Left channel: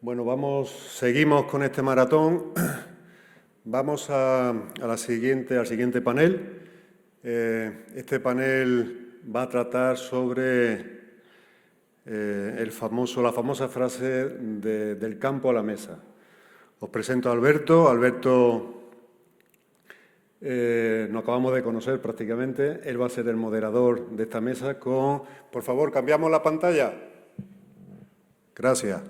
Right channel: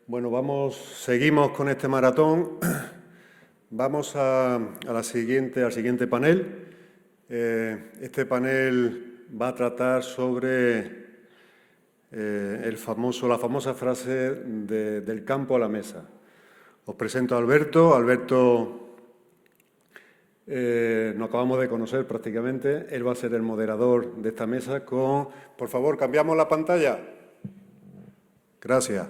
Bueno, seguimos con este maratón. Vamos al siguiente panel. Este panel va a tratar sobre la famosa frase del campo a la mesa. Os presento a Alberto. Alberto, nos acabamos de conocer prácticamente. Él va a ser el moderador de esta mesa con... Por favor, cambiamos la pantalla. Gracias.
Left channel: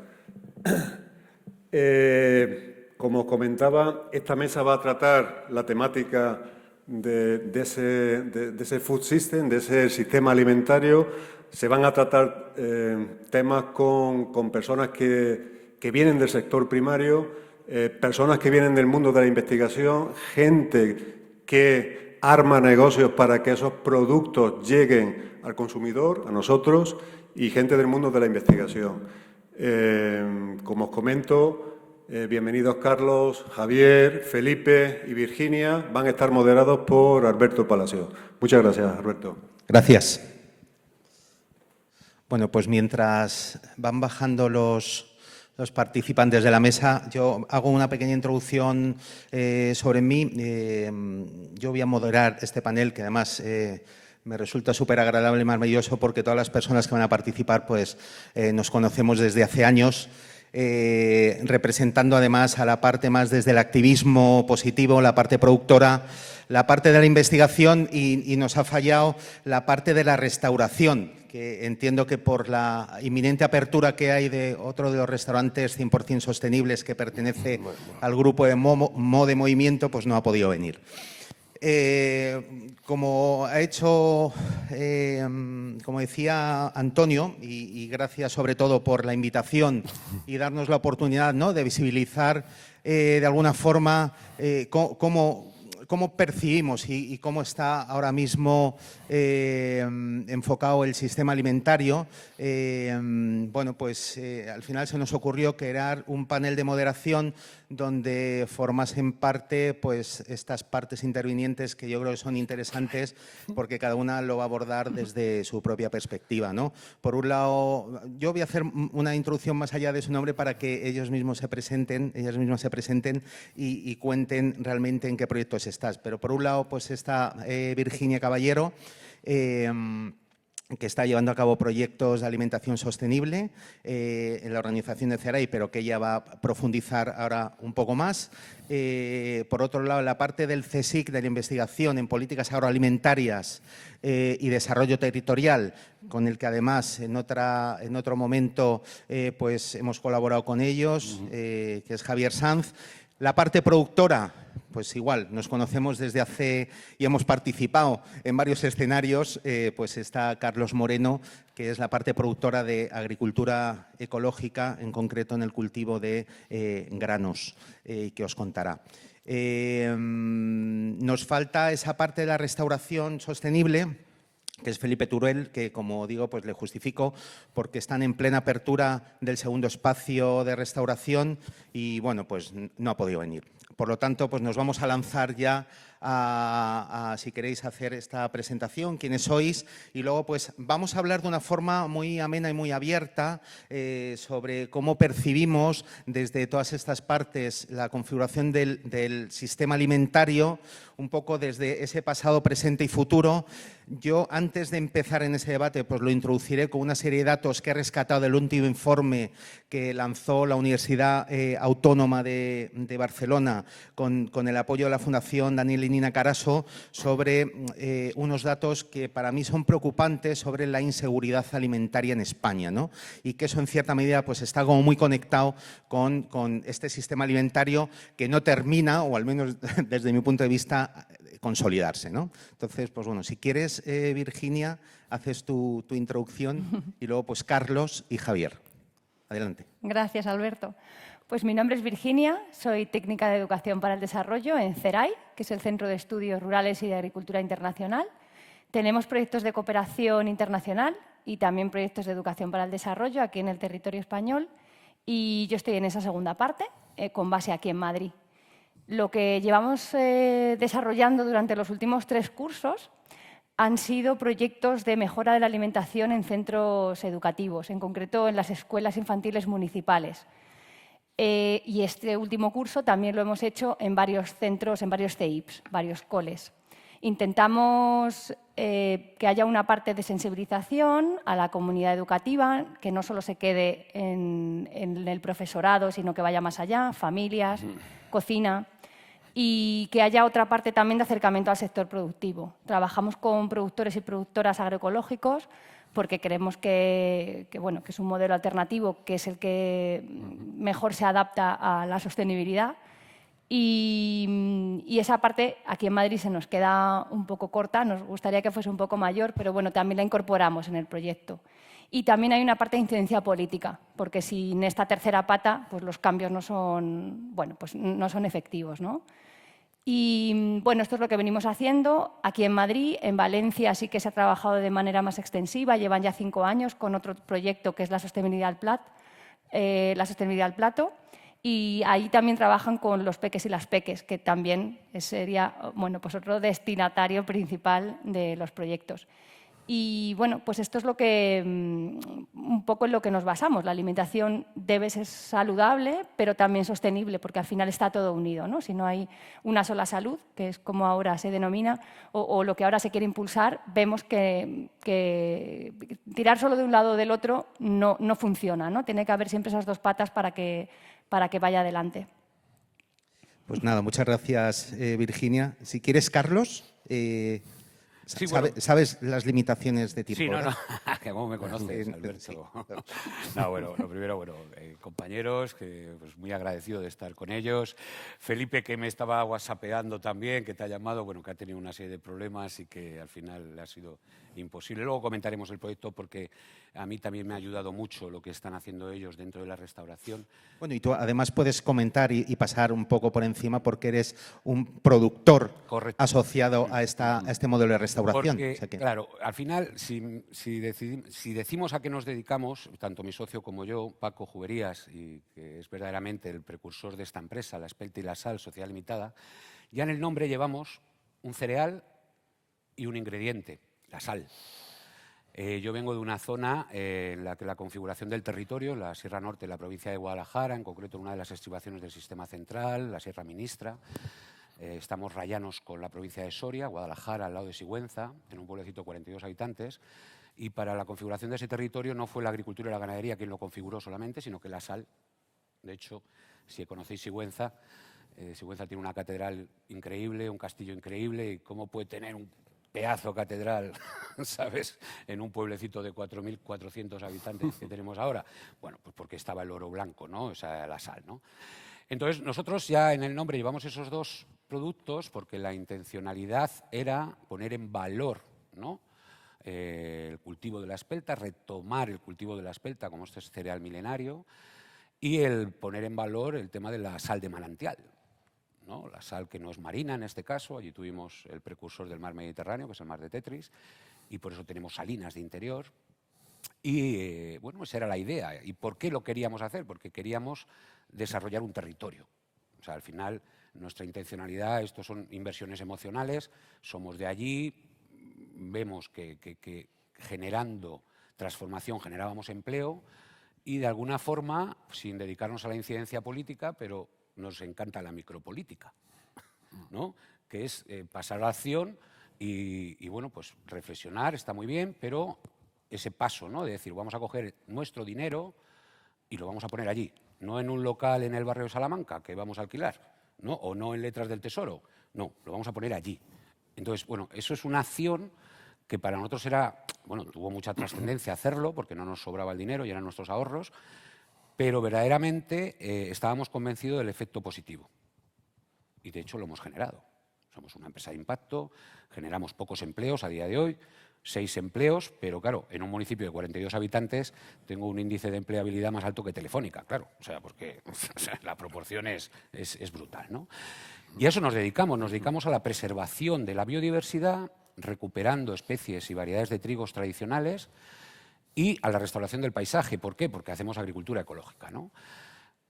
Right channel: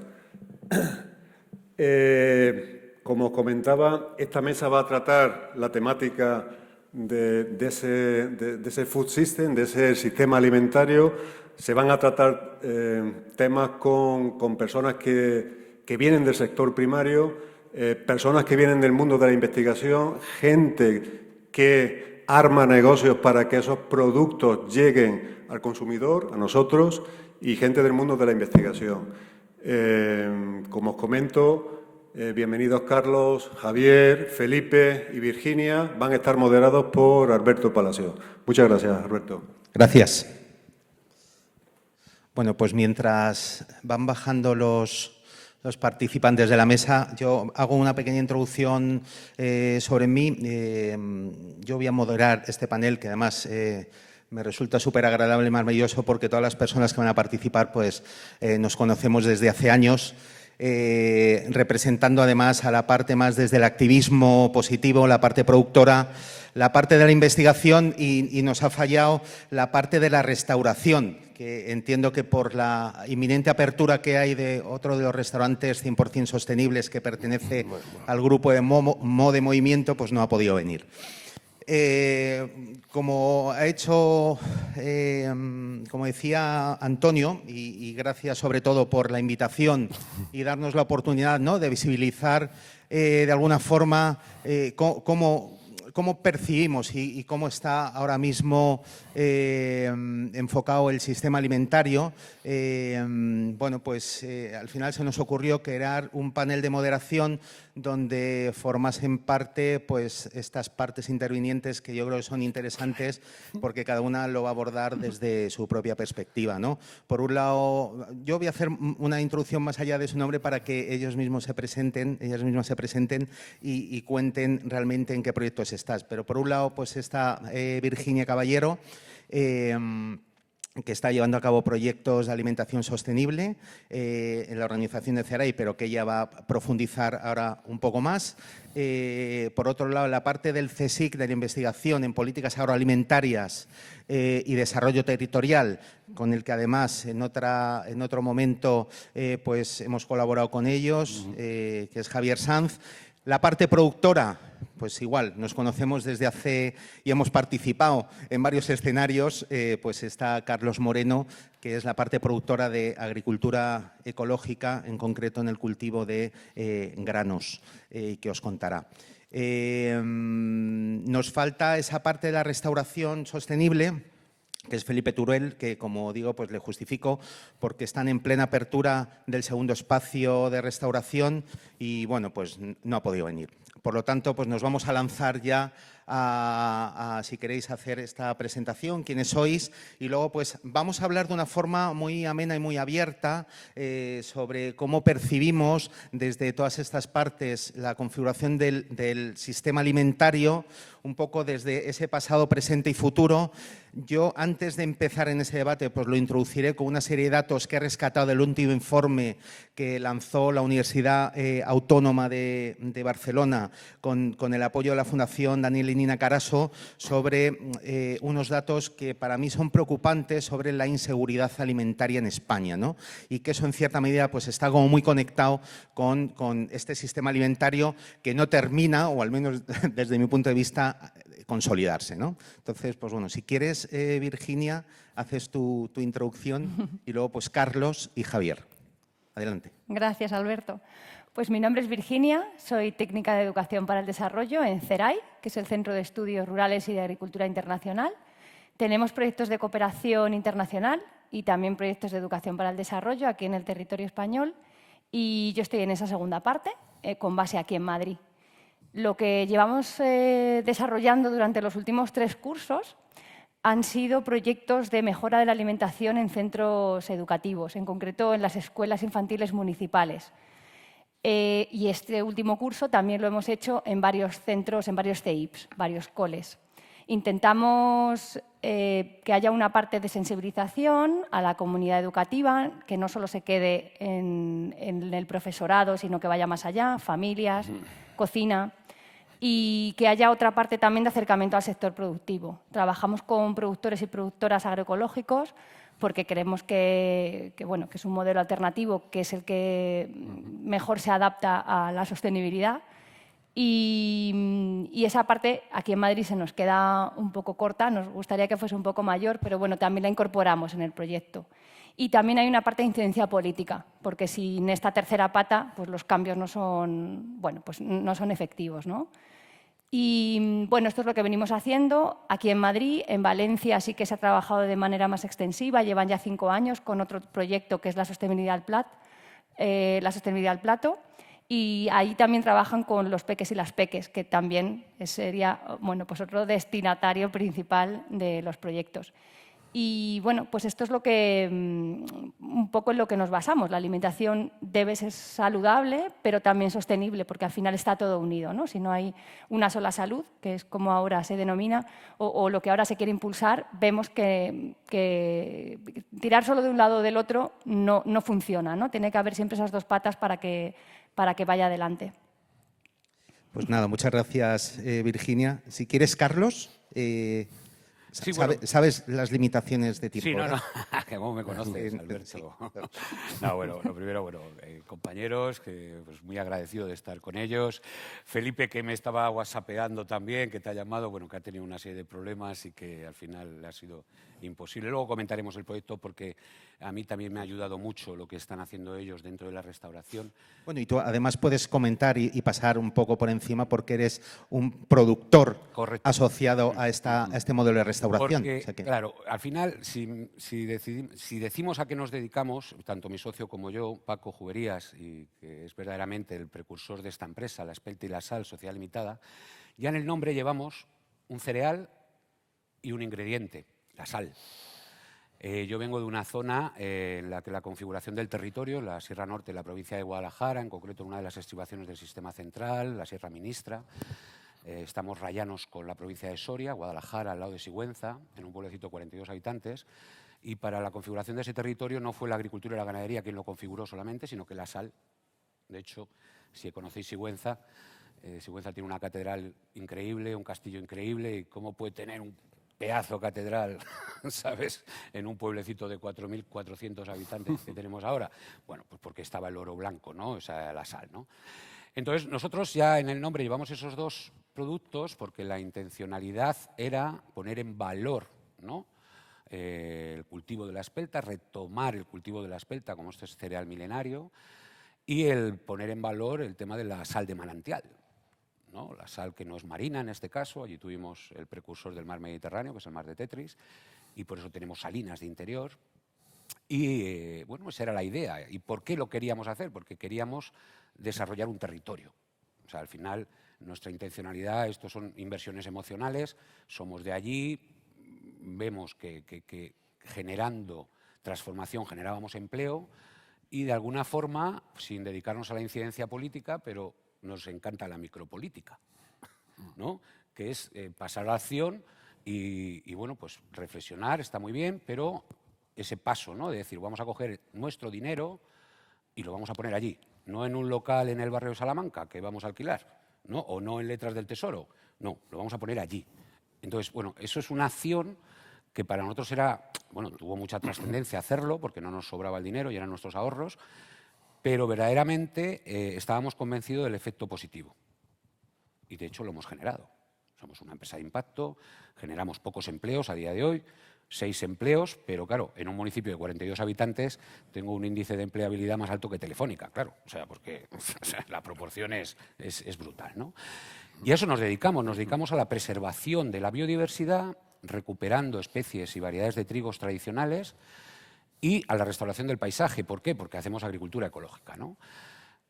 Como comentaba, esta mesa va a tratar la temática de ese food system, de ese sistema alimentario. Se van a tratar temas con personas que vienen del sector primario, personas que vienen del mundo de la investigación, gente que arma negocios para que esos productos lleguen al consumidor, a nosotros, y gente del mundo de la investigación. Como os comento, bienvenidos Carlos, Javier, Felipe y Virginia. Van a estar moderados por Alberto Palacio. Muchas gracias, Alberto. Gracias. Bueno, pues mientras van bajando los participantes de la mesa, yo hago una pequeña introducción sobre mí. Yo voy a moderar este panel, que además me resulta súper agradable y maravilloso porque todas las personas que van a participar pues, nos conocemos desde hace años, representando además a la parte más desde el activismo positivo, la parte productora, la parte de la investigación y nos ha fallado la parte de la restauración, que entiendo que por la inminente apertura que hay de otro de los restaurantes 100% sostenibles que pertenece al grupo de Mode Movimiento, pues no ha podido venir. Como ha hecho, como decía Antonio, y gracias sobre todo por la invitación y darnos la oportunidad, ¿no?, de visibilizar de alguna forma cómo percibimos y cómo está ahora mismo enfocado el sistema alimentario. Bueno, pues al final se nos ocurrió crear un panel de moderación donde formasen parte pues estas partes intervinientes que yo creo que son interesantes porque cada una lo va a abordar desde su propia perspectiva, ¿no? Por un lado, yo voy a hacer una introducción más allá de su nombre para que ellos mismos se presenten y cuenten realmente en qué proyectos estás. Pero por un lado, pues está Virginia Caballero, que está llevando a cabo proyectos de alimentación sostenible en la organización de CERAI, pero que ella va a profundizar ahora un poco más. Por otro lado, la parte del CSIC, de la investigación en políticas agroalimentarias y desarrollo territorial, con el que además en otro momento pues hemos colaborado con ellos, que es Javier Sanz. La parte productora, pues igual, nos conocemos desde hace y hemos participado en varios escenarios, pues está Carlos Moreno, que es la parte productora de agricultura ecológica, en concreto en el cultivo de granos, que os contará. Nos falta esa parte de la restauración sostenible, que es Felipe Turuel, que como digo, pues le justifico porque están en plena apertura del segundo espacio de restauración y bueno, pues no ha podido venir. Por lo tanto, pues nos vamos a lanzar ya a si queréis hacer esta presentación, quiénes sois, y luego pues vamos a hablar de una forma muy amena y muy abierta sobre cómo percibimos desde todas estas partes la configuración del sistema alimentario, un poco desde ese pasado, presente y futuro. Yo, antes de empezar en ese debate, pues lo introduciré con una serie de datos que he rescatado del último informe que lanzó la Universidad Autónoma de Barcelona con el apoyo de la Fundación Daniel y Nina Carasso sobre unos datos que para mí son preocupantes sobre la inseguridad alimentaria en España, ¿no? Y que eso en cierta medida pues está algo muy conectado con este sistema alimentario que no termina, o al menos desde mi punto de vista, consolidarse, ¿no? Entonces, pues bueno, si quieres, Virginia, haces tu introducción y luego pues Carlos y Javier. Adelante. Gracias, Alberto. Pues mi nombre es Virginia, soy técnica de educación para el desarrollo en CERAI, que es el Centro de Estudios Rurales y de Agricultura Internacional. Tenemos proyectos de cooperación internacional y también proyectos de educación para el desarrollo aquí en el territorio español. Y yo estoy en esa segunda parte, con base aquí en Madrid. Lo que llevamos desarrollando durante los últimos 3 cursos han sido proyectos de mejora de la alimentación en centros educativos, en concreto en las escuelas infantiles municipales. Y este último curso también lo hemos hecho en varios centros, en varios CEIPs, varios coles. Intentamos que haya una parte de sensibilización a la comunidad educativa, que no solo se quede en el profesorado, sino que vaya más allá, familias, cocina, y que haya otra parte también de acercamiento al sector productivo. Trabajamos con productores y productoras agroecológicos porque creemos que es un modelo alternativo, que es el que mejor se adapta a la sostenibilidad. Y esa parte aquí en Madrid se nos queda un poco corta, nos gustaría que fuese un poco mayor, pero bueno, también la incorporamos en el proyecto. Y también hay una parte de incidencia política, porque sin esta tercera pata, pues los cambios no son efectivos, ¿no? Y bueno, esto es lo que venimos haciendo aquí en Madrid. En Valencia sí que se ha trabajado de manera más extensiva, llevan ya 5 años con otro proyecto que es la sostenibilidad al plato. Y ahí también trabajan con los peques y las peques, que también sería otro destinatario principal de los proyectos. Y bueno, pues esto es lo que un poco en lo que nos basamos. La alimentación debe ser saludable, pero también sostenible, porque al final está todo unido, ¿no? Si no hay una sola salud, que es como ahora se denomina, o lo que ahora se quiere impulsar, vemos que tirar solo de un lado o del otro no funciona, ¿no? Tiene que haber siempre esas dos patas para que vaya adelante. Pues nada, muchas gracias, Virginia. Si quieres, Carlos, ¿sabes las limitaciones de tiempo? Sí, ¿cómo me conoces? No, bueno, primero, compañeros, muy agradecido de estar con ellos. Felipe, que me estaba whatsappeando también, que te ha llamado, que ha tenido una serie de problemas y que al final ha sido imposible. Luego comentaremos el proyecto porque a mí también me ha ayudado mucho lo que están haciendo ellos dentro de la restauración. Bueno, y tú además puedes comentar y pasar un poco por encima porque eres un productor asociado a este modelo de restauración. Porque, claro, al final, si decimos a qué nos dedicamos, tanto mi socio como yo, Paco Juberías, y que es verdaderamente el precursor de esta empresa, la Spelti y la Sal, Sociedad Limitada, ya en el nombre llevamos un cereal y un ingrediente, la sal. Yo vengo de una zona, la configuración del territorio, la Sierra Norte de la provincia de Guadalajara, en concreto una de las estribaciones del sistema central, la Sierra Ministra. Estamos rayanos con la provincia de Soria, Guadalajara, al lado de Sigüenza, en un pueblecito de 42 habitantes. Y para la configuración de ese territorio no fue la agricultura y la ganadería que lo configuró solamente, sino que la sal. De hecho, si conocéis Sigüenza, Sigüenza tiene una catedral increíble, un castillo increíble, y cómo puede tener un pedazo catedral, ¿sabes?, en un pueblecito de 4.400 habitantes que tenemos ahora. Bueno, pues porque estaba el oro blanco, ¿no? O sea, la sal, ¿no? Entonces, nosotros ya en el nombre llevamos esos dos productos porque la intencionalidad era poner en valor, ¿no?, el cultivo de la espelta, retomar el cultivo de la espelta como este cereal milenario y el poner en valor el tema de la sal de manantial, ¿no? La sal que no es marina en este caso, y tuvimos el precursor del mar Mediterráneo, que es el mar de Tetris, y por eso tenemos salinas de interior. Y bueno, esa era la idea. ¿Y por qué lo queríamos hacer? Porque queríamos desarrollar un territorio. O sea, al final, nuestra intencionalidad, estos son inversiones emocionales, somos de allí, vemos que generando transformación generamos empleo y de alguna forma, sin dedicarnos a la incidencia política, pero nos encanta la micropolítica, ¿no?, que es pasar a la acción y bueno, pues reflexionar está muy bien, pero ese paso, ¿no?, de decir, vamos a coger nuestro dinero y lo vamos a poner allí, no en un local en el barrio de Salamanca que vamos a alquilar, ¿no?, o no en Letras del Tesoro, no, lo vamos a poner allí. Entonces, bueno, eso es una acción que para nosotros era, bueno, tuvo mucha trascendencia hacerlo porque no nos sobraba dinero y eran nuestros ahorros, pero verdaderamente estábamos convencidos del efecto positivo. Y de hecho lo hemos generado. Somos una empresa de impacto, generamos pocos empleos a día de hoy, 6 empleos, pero claro, en un municipio de 42 habitantes tengo un índice de empleabilidad más alto que Telefónica, claro, o sea, porque la proporción es brutal, ¿no? Y a eso nos dedicamos a la preservación de la biodiversidad, recuperando especies y variedades de trigos tradicionales y a la restauración del paisaje. ¿Por qué? Porque hacemos agricultura ecológica, ¿no?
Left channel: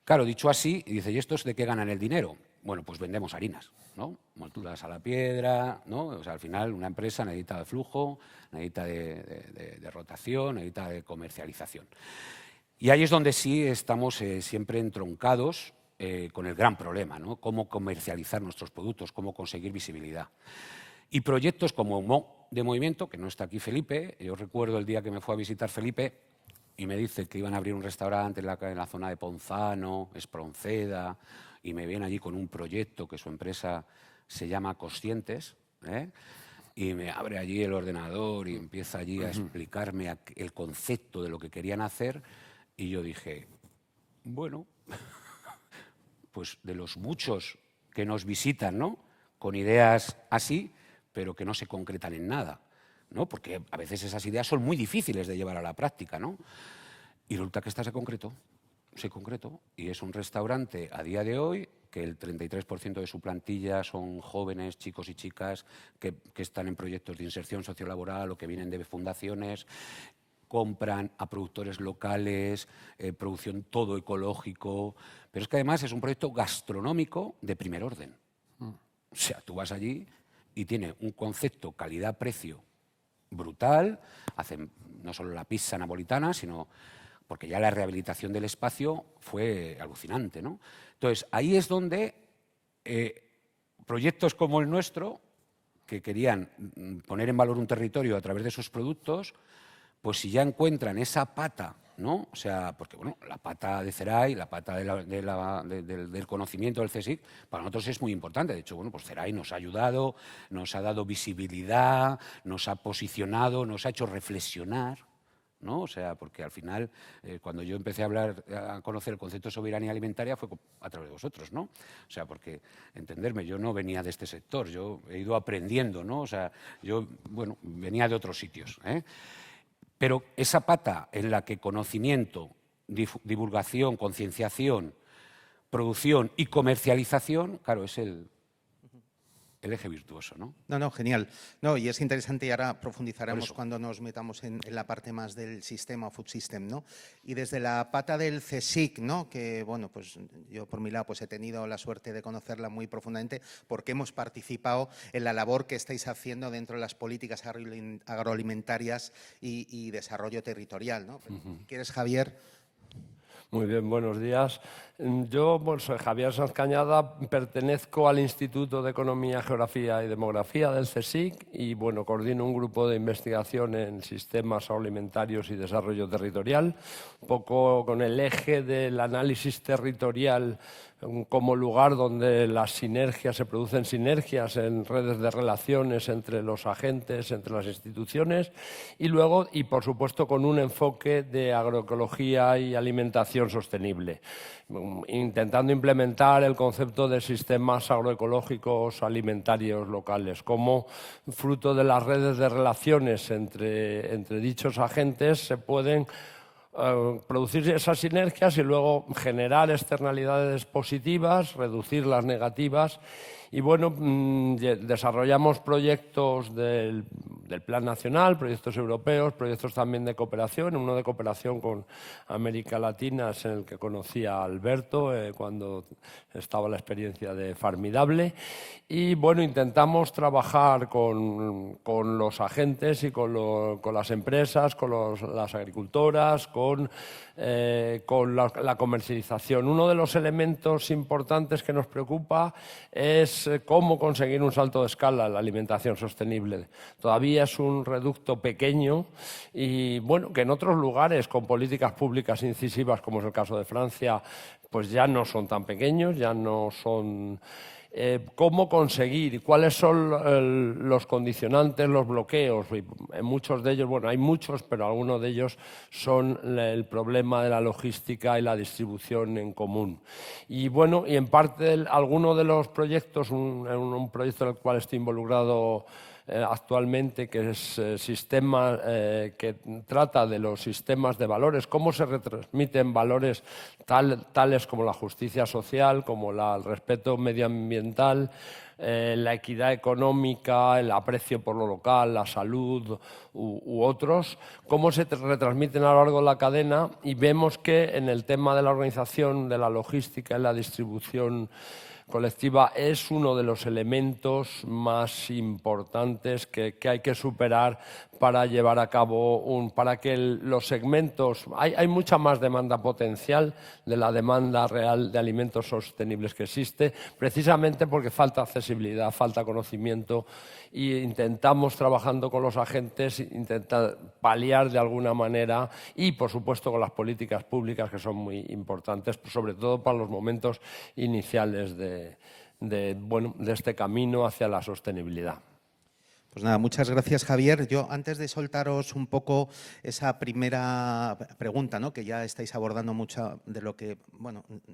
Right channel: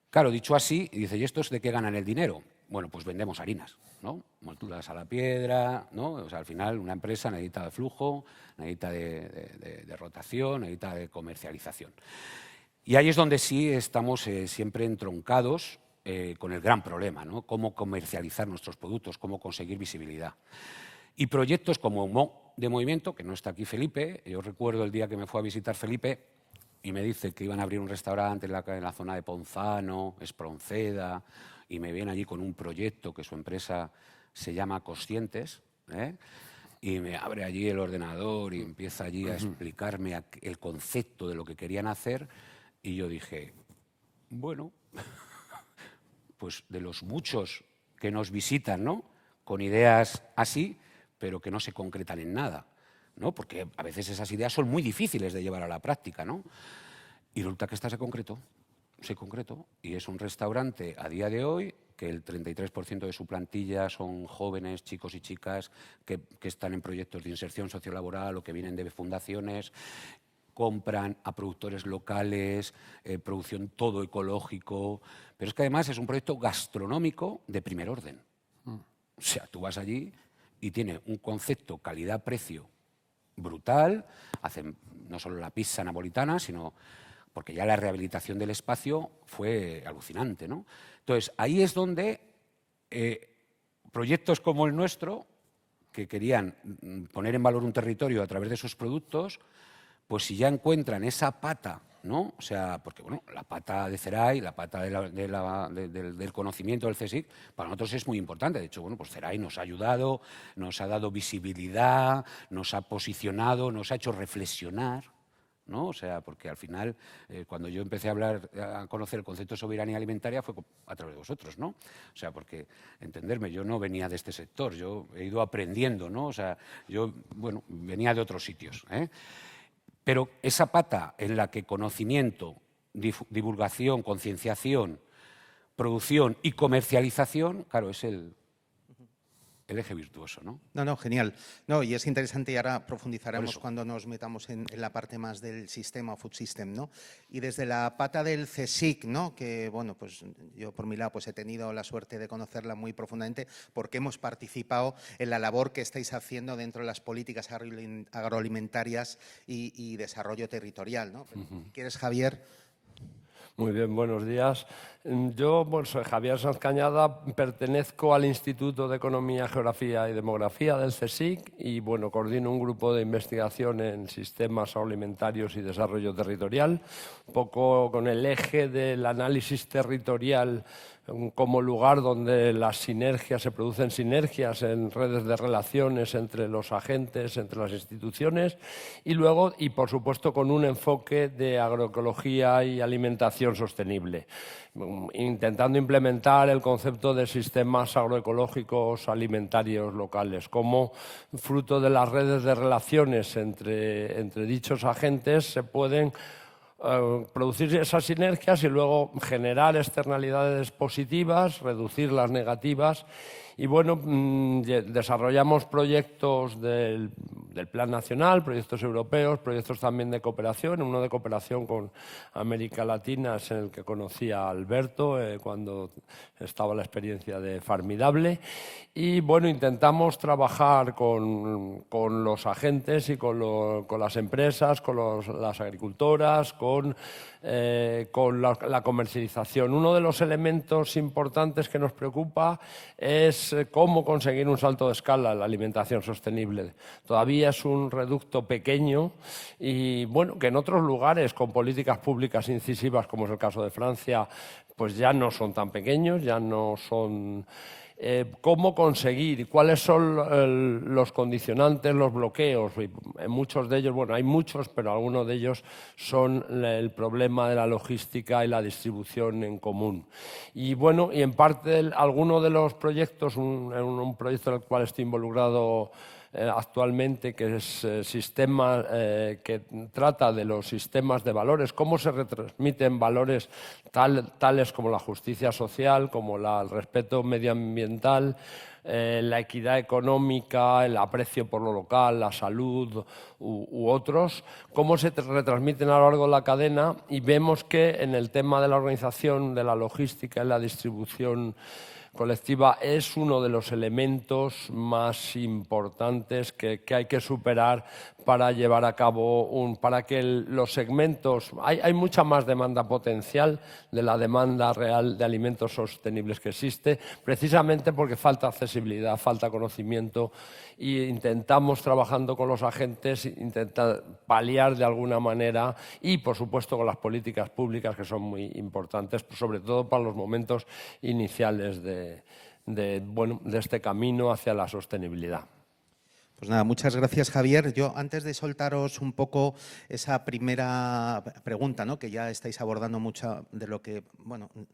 Claro, dicho así, dice, ¿y estos de qué ganan el dinero? Bueno, pues vendemos harinas, ¿no? Monturas a la piedra, ¿no? O sea, al final una empresa necesita de flujo, necesita de rotación, necesita de comercialización. Y ahí es donde sí estamos siempre entroncados con el gran problema, ¿no? Cómo comercializar nuestros productos, cómo conseguir visibilidad. Y proyectos como Mo de Movimiento, que no está aquí Felipe, yo recuerdo el día que me fue a visitar Felipe y me dice que iban a abrir un restaurante en la zona de Ponzano, Espronceda, y me viene ahí con un proyecto que su empresa se llama Conscientes, y me abre allí el ordenador y empieza allí a explicarme el concepto de lo que querían hacer, y yo dije, bueno, pues de los muchos que nos visitan, ¿no?, con ideas así, pero que no se concretan en nada, ¿no? Porque a veces esas ideas son muy difíciles de llevar a la práctica, ¿no? Y resulta que esta se concretó, y es un restaurante a día de hoy que el 33% de su plantilla son jóvenes, chicos y chicas que están en proyectos de inserción sociolaboral o que vienen de fundaciones, compran a productores locales, producción todo ecológico, pero es que además es un proyecto gastronómico de primer orden. O sea, tú vas allí y tiene un concepto calidad-precio brutal, hacen no solo la pizza napolitana, sino porque ya la rehabilitación del espacio fue alucinante, ¿no? Entonces, ahí es donde proyectos como el nuestro, que querían poner en valor un territorio a través de esos productos, pues si ya encuentran esa pata, ¿no? O sea, porque bueno, la pata de CERAI, la pata del conocimiento del CSIC, para nosotros es muy importante. De hecho, bueno, pues CERAI nos ha ayudado, nos ha dado visibilidad, nos ha posicionado, nos ha hecho reflexionar, ¿no? O sea, porque al final, cuando yo empecé a conocer el concepto de soberanía alimentaria fue a través de vosotros, ¿no? O sea, porque, entenderme, yo no venía de este sector, yo he ido aprendiendo, ¿no? O sea, yo, bueno, venía de otros sitios, Pero esa pata en la que conocimiento, divulgación, concienciación, producción y comercialización, claro, es el eje virtuoso, ¿no? No, genial. No, y es interesante, y ahora profundizaremos cuando nos metamos en la parte más del sistema, food system, ¿no? Y desde la pata del CSIC, ¿no? Que, bueno, pues yo por mi lado pues he tenido la suerte de conocerla muy profundamente porque hemos participado en la labor que estáis haciendo dentro de las políticas agroalimentarias y desarrollo territorial, ¿no? ¿Quieres, Javier? Muy bien, buenos días. Yo, pues Javier Sanz Cañada, pertenezco al Instituto de Economía, Geografía y Demografía del CSIC y, bueno, coordino un grupo de investigación en sistemas agroalimentarios y desarrollo territorial, un poco con el eje del análisis territorial como lugar donde las sinergias, se producen sinergias en redes de relaciones entre los agentes, entre las instituciones, y luego, y por supuesto, con un enfoque de agroecología y alimentación sostenible, intentando implementar el concepto de sistemas agroecológicos alimentarios locales como fruto de las redes de relaciones entre dichos agentes se pueden producir esas sinergias y luego generar externalidades positivas, reducir las negativas. Y bueno, desarrollamos proyectos del Plan Nacional, proyectos europeos, proyectos también de cooperación, uno de cooperación con América Latina, es el que conocía a Alberto cuando estaba en la experiencia de Farmidable. Y bueno, intentamos trabajar con los agentes y con las empresas, con las agricultoras, con la comercialización. Uno de los elementos importantes que nos preocupa es cómo conseguir un salto de escala a la alimentación sostenible. Todavía es un reducto pequeño y bueno, que en otros lugares con políticas públicas incisivas, como en el caso de Francia, pues ya no son tan pequeños, ya no son... cómo conseguir, cuáles son los condicionantes, los bloqueos. En muchos de ellos, bueno, hay muchos, pero algunos de ellos son el problema de la logística y la distribución en común. Y bueno, y en parte alguno de los proyectos, un proyecto en el cual estoy involucrado actualmente, que es sistema que trata de los sistemas de valores, cómo se retransmiten valores tales como la justicia social, como el respeto medioambiental, la equidad económica, el aprecio por lo local, la salud u otros, cómo se retransmiten a lo largo de la cadena, y vemos que en el tema de la organización, de la logística y la distribución colectiva es uno de los elementos más importantes que hay que superar para llevar a cabo para que los segmentos... Hay mucha más demanda potencial de la demanda real de alimentos sostenibles que existe, precisamente porque falta accesibilidad, falta conocimiento, y intentamos, trabajando con los agentes, intentar paliar de alguna manera, y por supuesto con las políticas públicas, que son muy importantes, sobre todo para los momentos iniciales de este camino hacia la sostenibilidad. Pues nada, muchas gracias, Javier. Yo, antes de soltaros un poco esa primera pregunta, ¿no?, que ya estáis abordando mucho de lo que,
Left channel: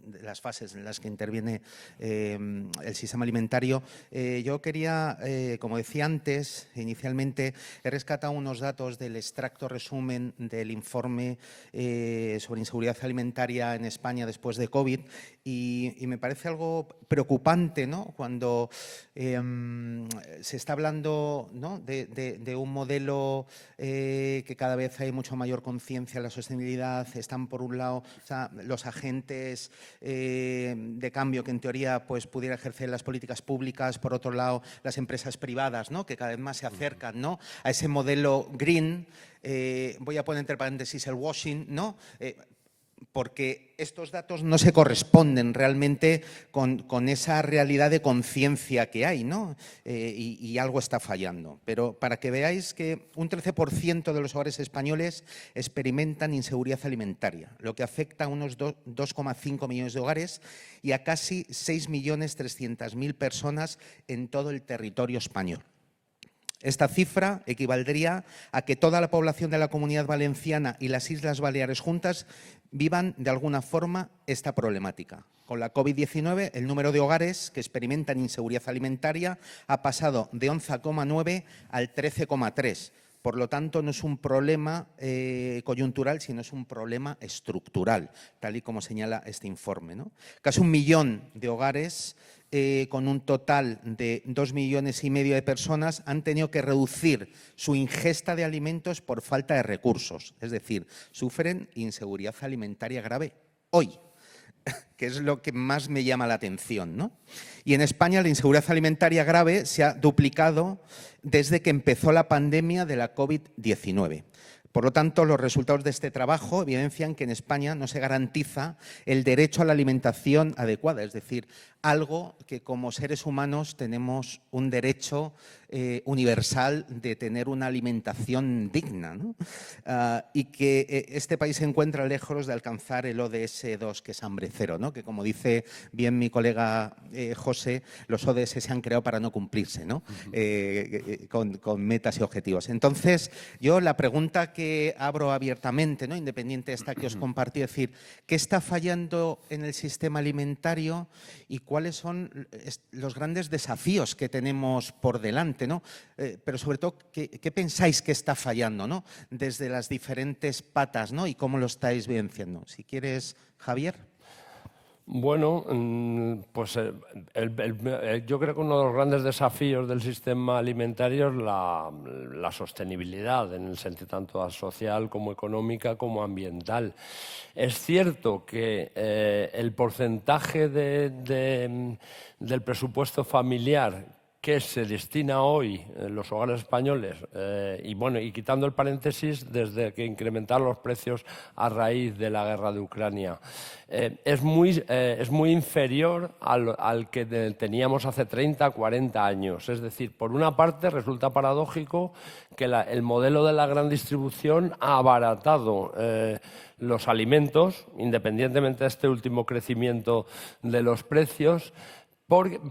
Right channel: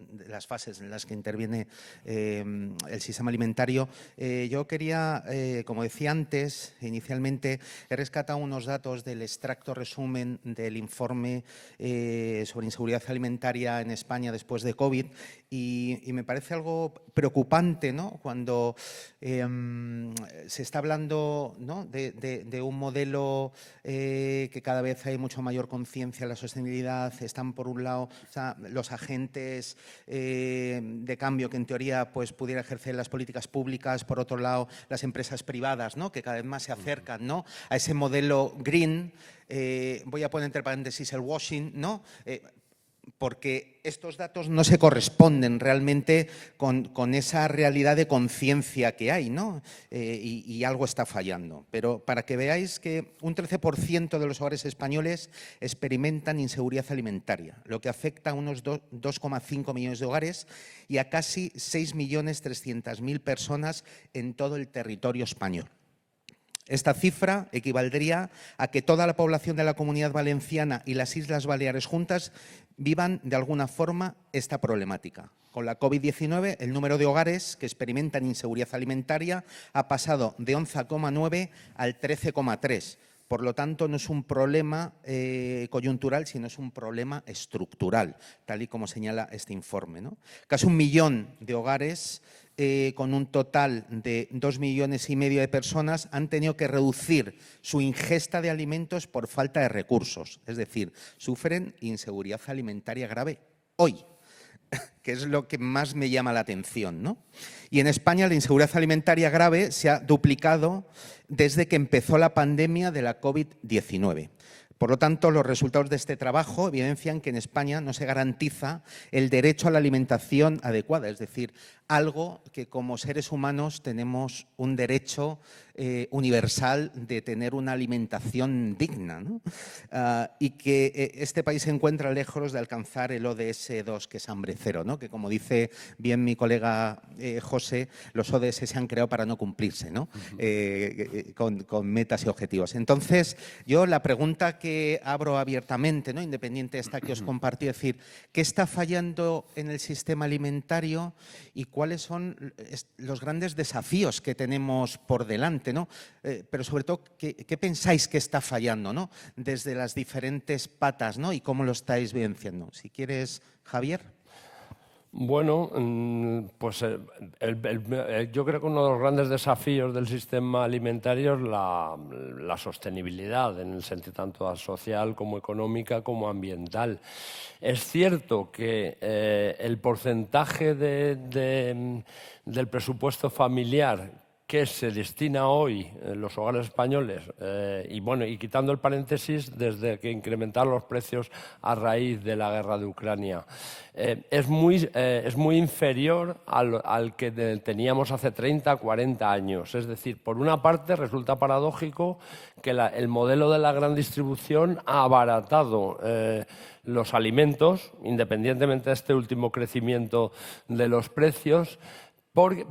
de las fases en las que interviene el sistema alimentario, yo quería, como decía antes, inicialmente he rescatado unos datos del extracto resumen del informe sobre inseguridad alimentaria en España después de COVID, y me parece algo preocupante, ¿no?, cuando se está hablando, ¿no?, de un modelo que cada vez hay mucha mayor conciencia de la sostenibilidad. Están, por un lado, los agentes de cambio que en teoría pues pudieran ejercer las políticas públicas, por otro lado las empresas privadas, ¿no?, que cada vez más se acercan, ¿no?, a ese modelo green. Voy a poner entre paréntesis el washing, ¿no?, porque estos datos no se corresponden realmente con esa realidad de conciencia que hay, ¿no? Y algo está fallando. Pero para que veáis que un 13% de los hogares españoles experimentan inseguridad alimentaria, lo que afecta a unos 2,5 millones de hogares y a casi 6.300.000 personas en todo el territorio español. Esta cifra equivaldría a que toda la población de la Comunidad Valenciana y las Islas Baleares juntas vivan de alguna forma esta problemática. Con la COVID-19, el número de hogares que experimentan inseguridad alimentaria ha pasado de 11,9 al 13,3. Por lo tanto, no es un problema coyuntural, sino es un problema estructural, tal y como señala este informe, ¿no? Casi 1 millón de hogares con un total de 2,5 millones de personas han tenido que reducir su ingesta de alimentos por falta de recursos. Es decir, sufren inseguridad alimentaria grave hoy, que es lo que más me llama la atención, ¿no? Y en España la inseguridad alimentaria grave se ha duplicado desde que empezó la pandemia de la COVID-19. Por lo tanto, los resultados de este trabajo evidencian que en España no se garantiza el derecho a la alimentación adecuada, es decir, algo que como seres humanos tenemos un derecho universal de tener una alimentación digna, ¿no? Y que este país se encuentra lejos de alcanzar el ODS 2, que es hambre cero, ¿no?, que, como dice bien mi colega José, los ODS se han creado para no cumplirse, ¿no?, con metas y objetivos. Entonces, yo la pregunta que abro abiertamente, ¿no?, independiente de esta que os compartí, es decir, ¿qué está fallando en el sistema alimentario y cuáles son los grandes desafíos que tenemos por delante, ¿no? Pero sobre todo, ¿qué pensáis que está fallando, ¿no?, desde las diferentes patas, ¿no?, y cómo lo estáis vivenciando? Si quieres, Javier. Bueno, pues yo creo que uno de los grandes desafíos del sistema alimentario es la sostenibilidad, en el sentido tanto social como económica como ambiental. Es cierto que el porcentaje del presupuesto familiar que se destina hoy en los hogares españoles, y quitando el paréntesis desde que incrementaron los precios a raíz de la guerra de Ucrania, es muy inferior al que teníamos hace 30, 40 años. Es decir, por una parte resulta paradójico que el modelo de la gran distribución ha abaratado los alimentos, independientemente de este último crecimiento de los precios,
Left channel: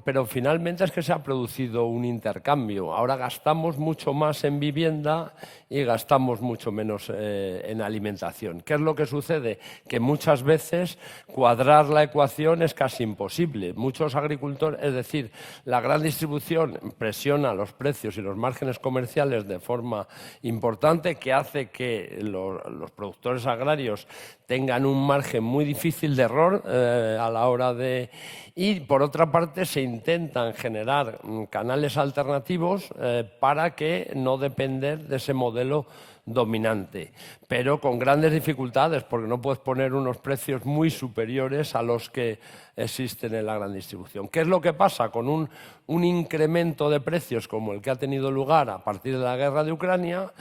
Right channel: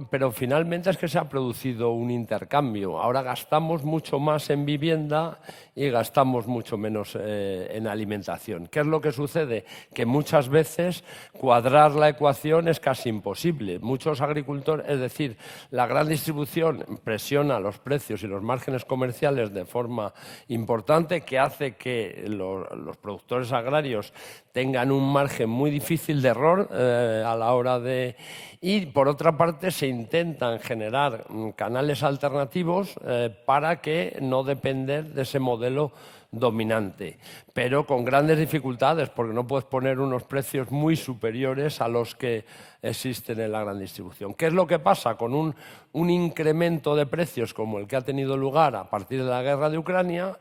pero finalmente es que se ha producido un intercambio. Ahora gastamos mucho más en vivienda y gastamos mucho menos en alimentación. ¿Qué es lo que sucede? Que muchas veces cuadrar la ecuación es casi imposible. Muchos agricultores, es decir, la gran distribución presiona los precios y los márgenes comerciales de forma importante, que hace que los productores agrarios tengan un margen muy difícil de error a la hora de... Y por otra parte, parte se intentan generar canales alternativos para que no depender de ese modelo dominante, pero con grandes dificultades, porque no puedes poner unos precios muy superiores a los que existen en la gran distribución. ¿Qué es lo que pasa con un incremento de precios como el que ha tenido lugar a partir de la guerra de Ucrania?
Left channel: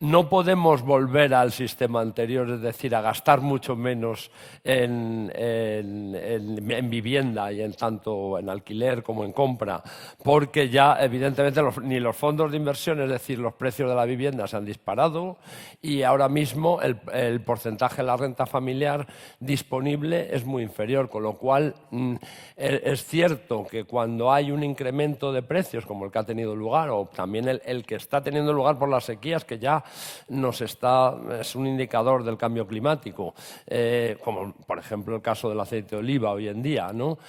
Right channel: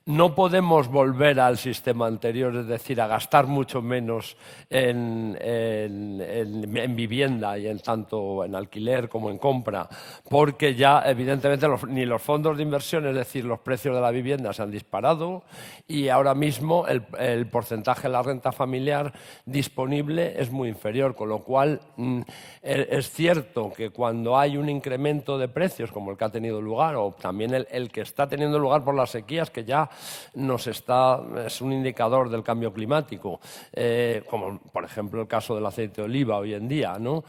No podemos volver al sistema anterior, es decir, a gastar mucho menos en vivienda y tanto en alquiler como en compra, porque ya evidentemente ni los fondos de inversión, es decir, los precios de la vivienda se han disparado y ahora mismo el porcentaje de la renta familiar disponible es muy inferior, con lo cual es cierto que cuando hay un incremento de precios como el que ha tenido lugar, o también el que está teniendo lugar por las sequías, que ya es un indicador del cambio climático, como por ejemplo el caso del aceite de oliva hoy en día, ¿no?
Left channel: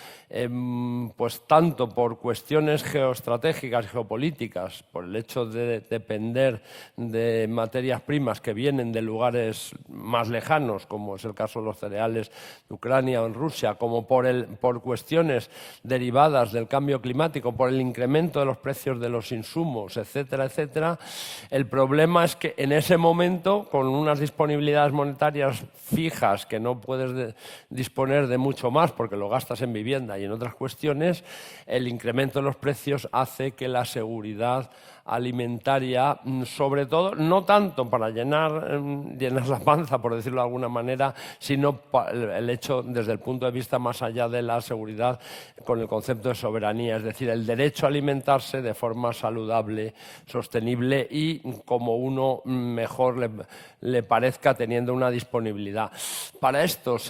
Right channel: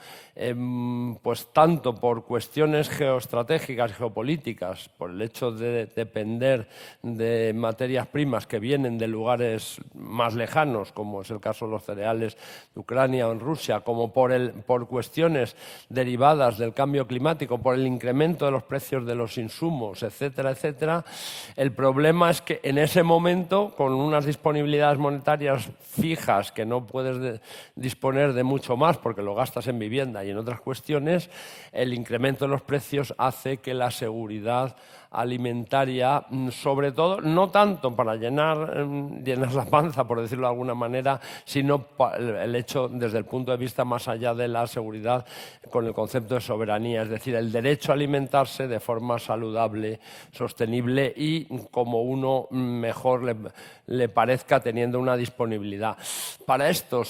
Pues tanto por cuestiones geoestratégicas, geopolíticas, por el hecho de depender de materias primas que vienen de lugares más lejanos, como es el caso de los cereales de Ucrania o en Rusia, como por cuestiones derivadas del cambio climático, por el incremento de los precios de los insumos, etcétera, etcétera. El problema es que en ese momento, con unas disponibilidades monetarias fijas, que no puedes disponer de mucho más porque lo gastas en vivienda y en otras cuestiones, el incremento de los precios hace que la seguridad alimentaria, sobre todo, no tanto para llenar la panza, por decirlo de alguna manera, sino el hecho, desde el punto de vista más allá de la seguridad, con el concepto de soberanía, es decir, el derecho a alimentarse de forma saludable, sostenible y como uno mejor le parezca, teniendo una disponibilidad. Para esto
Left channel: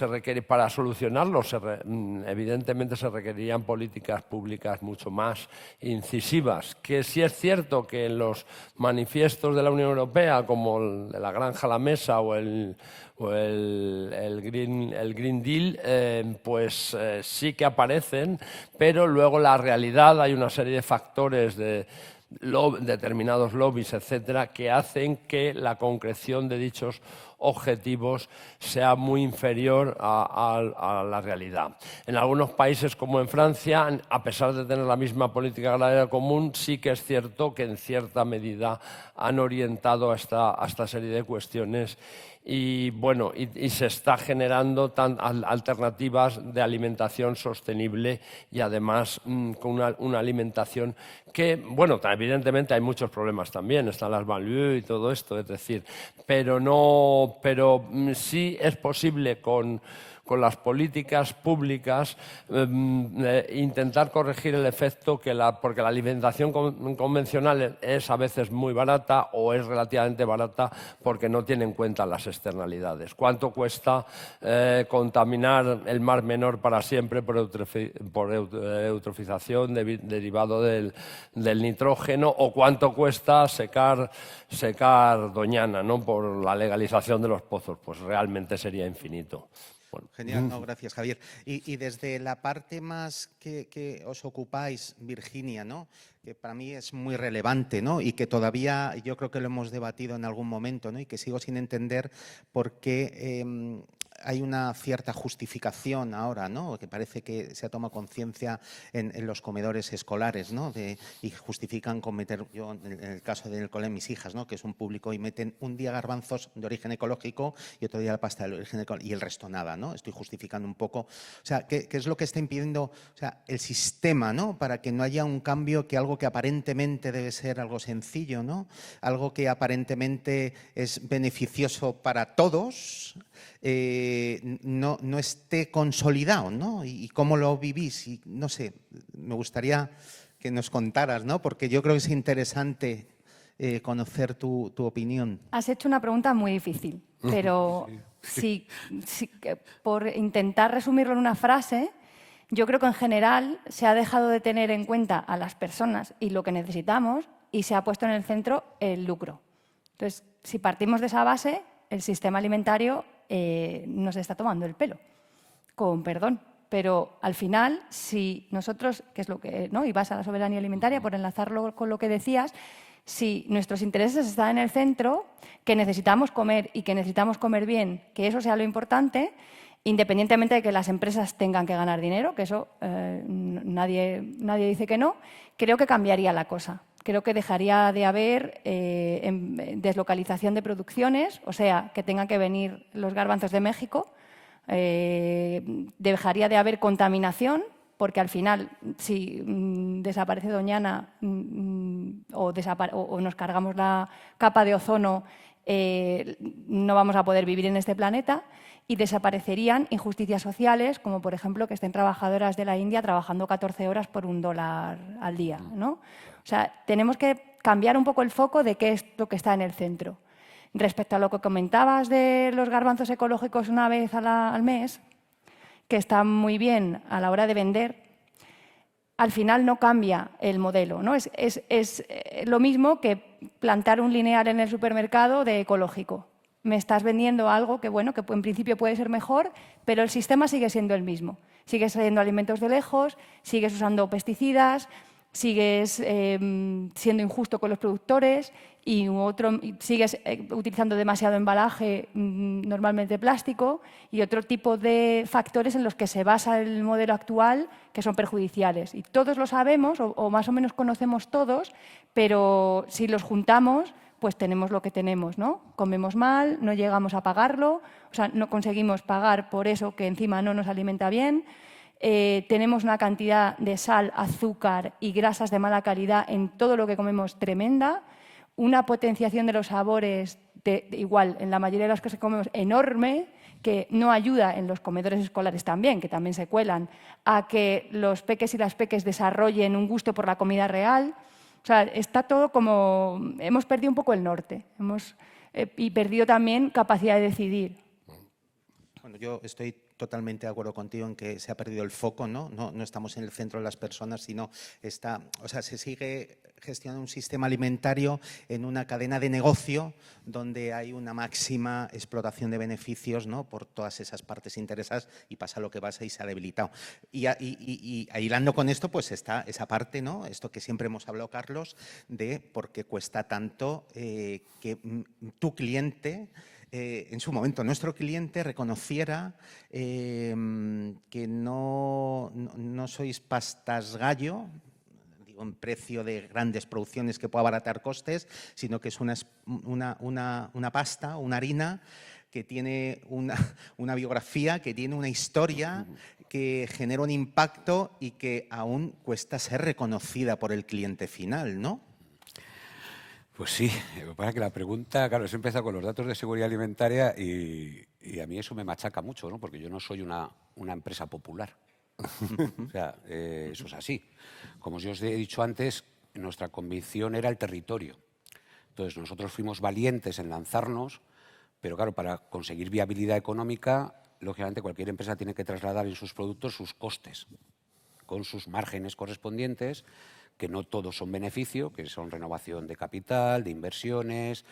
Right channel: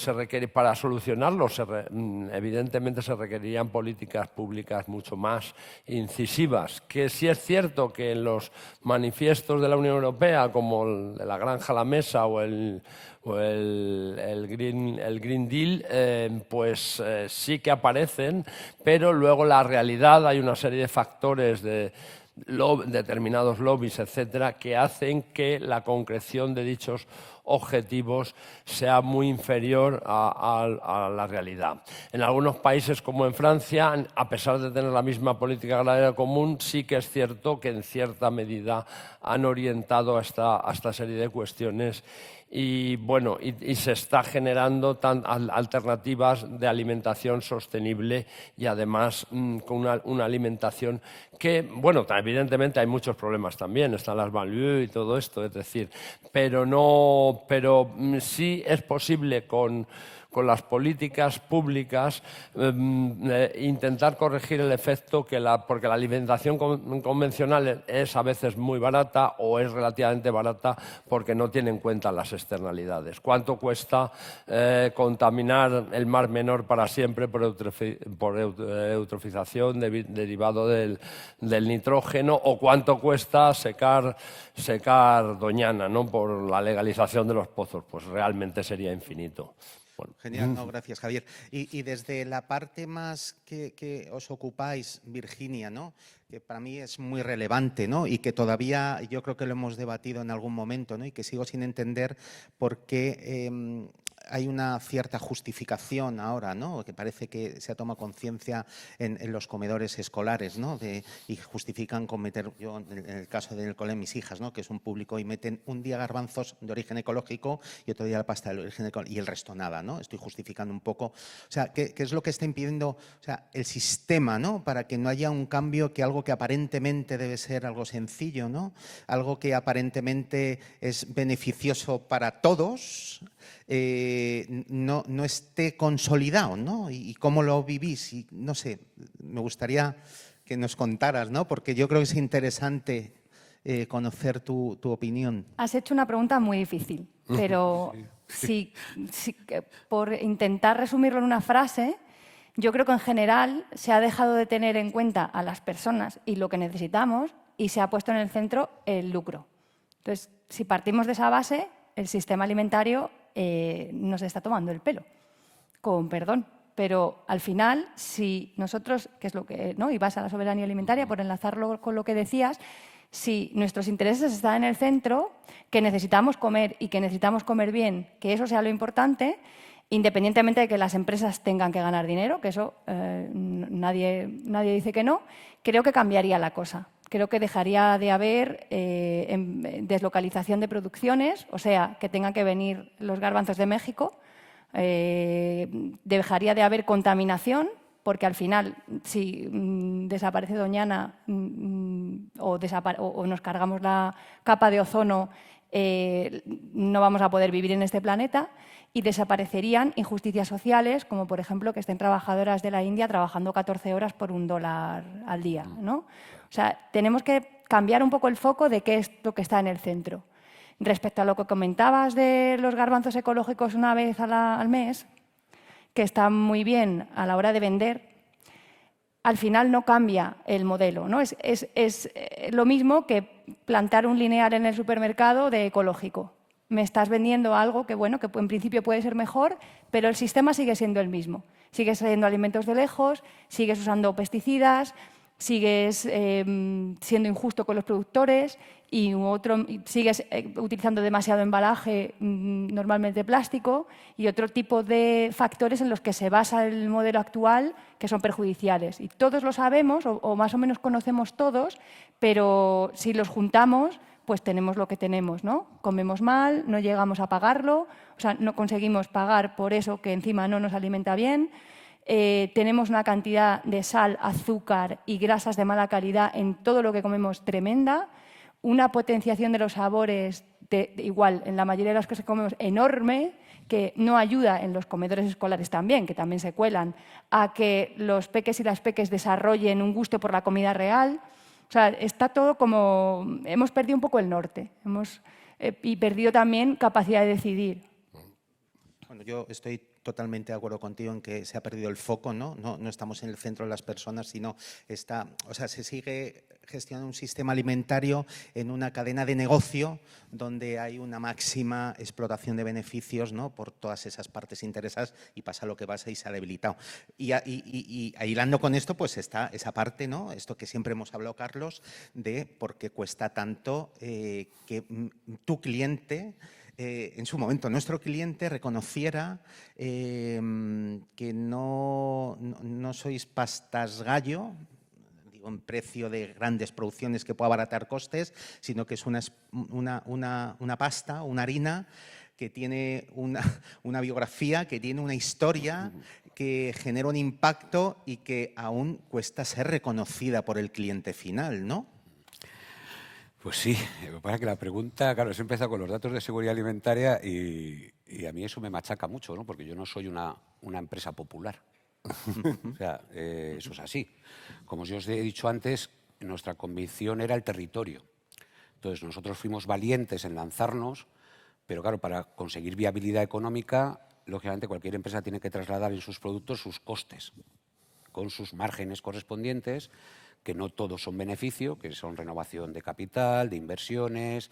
para solucionarlo, evidentemente se requerirían políticas públicas mucho más incisivas, que sí es cierto que los manifiestos de la Unión Europea, como el de la Granja a la Mesa o el Green Deal, pues sí que aparecen, pero luego la realidad, hay una serie de factores de determinados lobbies, etcétera, que hacen que la concreción de dichos objetivos sea muy inferior a la realidad. En algunos países, como en Francia, a pesar de tener la misma política agraria común, sí que es cierto que en cierta medida han orientado a esta serie de cuestiones y bueno, y se está generando alternativas de alimentación sostenible y además con una alimentación que, bueno, evidentemente hay muchos problemas también, están las malus y todo esto, es decir, pero sí es posible con las políticas públicas intentar corregir el efecto porque la alimentación convencional es a veces muy barata o es relativamente barata porque no tiene en cuenta las externalidades. ¿Cuánto cuesta contaminar el Mar Menor para siempre por eutrofización derivado del nitrógeno, o cuánto cuesta secar Doñana, ¿no?, por la legalización de los pozos? Pues realmente sería infinito. Bueno, genial, no, gracias, Javier. Y desde la parte más que os ocupáis, Virginia, ¿no?, que para mí es muy relevante, ¿no?, y que todavía yo creo que lo hemos debatido en algún momento, ¿no?, y que sigo sin entender por qué hay una cierta justificación ahora, ¿no?, que parece que se toma conciencia en los comedores escolares, ¿no?, y justifican con meter, yo en el caso del colegio de mis hijas, ¿no?, que es un público, y meten un día garbanzos de origen ecológico y otro día pasta de origen ecológico y el resto nada, ¿no? Estoy justificando un poco, o sea, ¿qué es lo que está impidiendo, o sea, el sistema, ¿no?, para que no haya un cambio, que algo que aparentemente debe ser algo sencillo, ¿no?, algo que aparentemente es beneficioso para todos, no esté consolidado, ¿no? Y cómo lo vivís, y no sé, me gustaría que nos contaras, ¿no?, porque yo creo que es interesante conocer tu opinión. Has hecho una pregunta muy difícil, pero por intentar resumirlo en una frase, yo creo que en general se ha dejado de tener en cuenta a las personas y lo que necesitamos y se ha puesto en el centro el lucro. Entonces, si partimos de esa base, el sistema alimentario nos está tomando el pelo, con perdón. Pero al final, si nosotros, que es lo que, ¿no?, y vas a la soberanía alimentaria, por enlazarlo con lo que decías, si nuestros intereses están en el centro, que necesitamos comer y que necesitamos comer bien, que eso sea lo importante, independientemente de que las empresas tengan que ganar dinero, que eso nadie dice que no, creo que cambiaría la cosa. Creo que dejaría de haber deslocalización de producciones, o sea, que tengan que venir los garbanzos de México, dejaría de haber contaminación, porque al final, si desaparece Doñana o nos cargamos la capa de ozono, no vamos a poder vivir en este planeta, y desaparecerían injusticias sociales, como por ejemplo que estén trabajadoras de la India trabajando 14 horas por $1 al día, ¿no? O sea, tenemos que cambiar un poco el foco de qué es lo que está en el centro. Respecto a lo que comentabas de los garbanzos ecológicos una vez al mes, que están muy bien a la hora de vender, al final no cambia el modelo, ¿no? Es lo mismo que plantar un lineal en el supermercado de ecológico. Me estás vendiendo algo que, bueno, que en principio puede ser mejor, pero el sistema sigue siendo el mismo. Sigues haciendo alimentos de lejos, sigues usando pesticidas, sigues siendo injusto con los productores y sigues utilizando demasiado embalaje, normalmente plástico, y otro tipo de factores en los que se basa el modelo actual que son perjudiciales. Y todos lo sabemos, o más o menos conocemos todos, pero si los juntamos, pues tenemos lo que tenemos, ¿no? Comemos mal, no llegamos a pagarlo, o sea, no conseguimos pagar por eso que encima no nos alimenta bien. Tenemos una cantidad de sal, azúcar y grasas de mala calidad en todo lo que comemos tremenda, una potenciación de los sabores igual en la mayoría de las cosas que comemos enorme, que no ayuda en los comedores escolares también, que también se cuelan, a que los peques y las peques desarrollen un gusto por la comida real. O sea, está todo como... Hemos perdido un poco el norte y perdido también capacidad de decidir. Bueno, yo estoy totalmente de acuerdo contigo en que se ha perdido el foco, ¿no? No estamos en el centro de las personas, sino se sigue gestionando un sistema alimentario en una cadena de negocio donde hay una máxima explotación de beneficios, ¿no? Por todas esas partes interesadas, y pasa lo que pasa y sale debilitado. Y aislando con esto, pues está esa parte, ¿no? Esto que siempre hemos hablado, Carlos, de por qué cuesta tanto que tu cliente... en su momento nuestro cliente reconociera que no sois pastas gallo, digo, en precio de grandes producciones que pueda abaratar costes, sino que es una pasta, una harina que tiene una biografía, que tiene una historia, que genera un impacto y que aún cuesta ser reconocida por el cliente final, ¿no? Pues sí, la pregunta, claro, se empieza con los datos de seguridad alimentaria y a mí eso me machaca mucho, ¿no? Porque yo no soy una empresa popular. O sea, eso es así. Como yo os he dicho antes, nuestra convicción era el territorio. Entonces nosotros fuimos valientes en lanzarnos, pero claro, para conseguir viabilidad económica, lógicamente cualquier empresa tiene que trasladar en sus productos sus costes, con sus márgenes correspondientes, que no todos son beneficio, que son renovación de capital, de inversiones,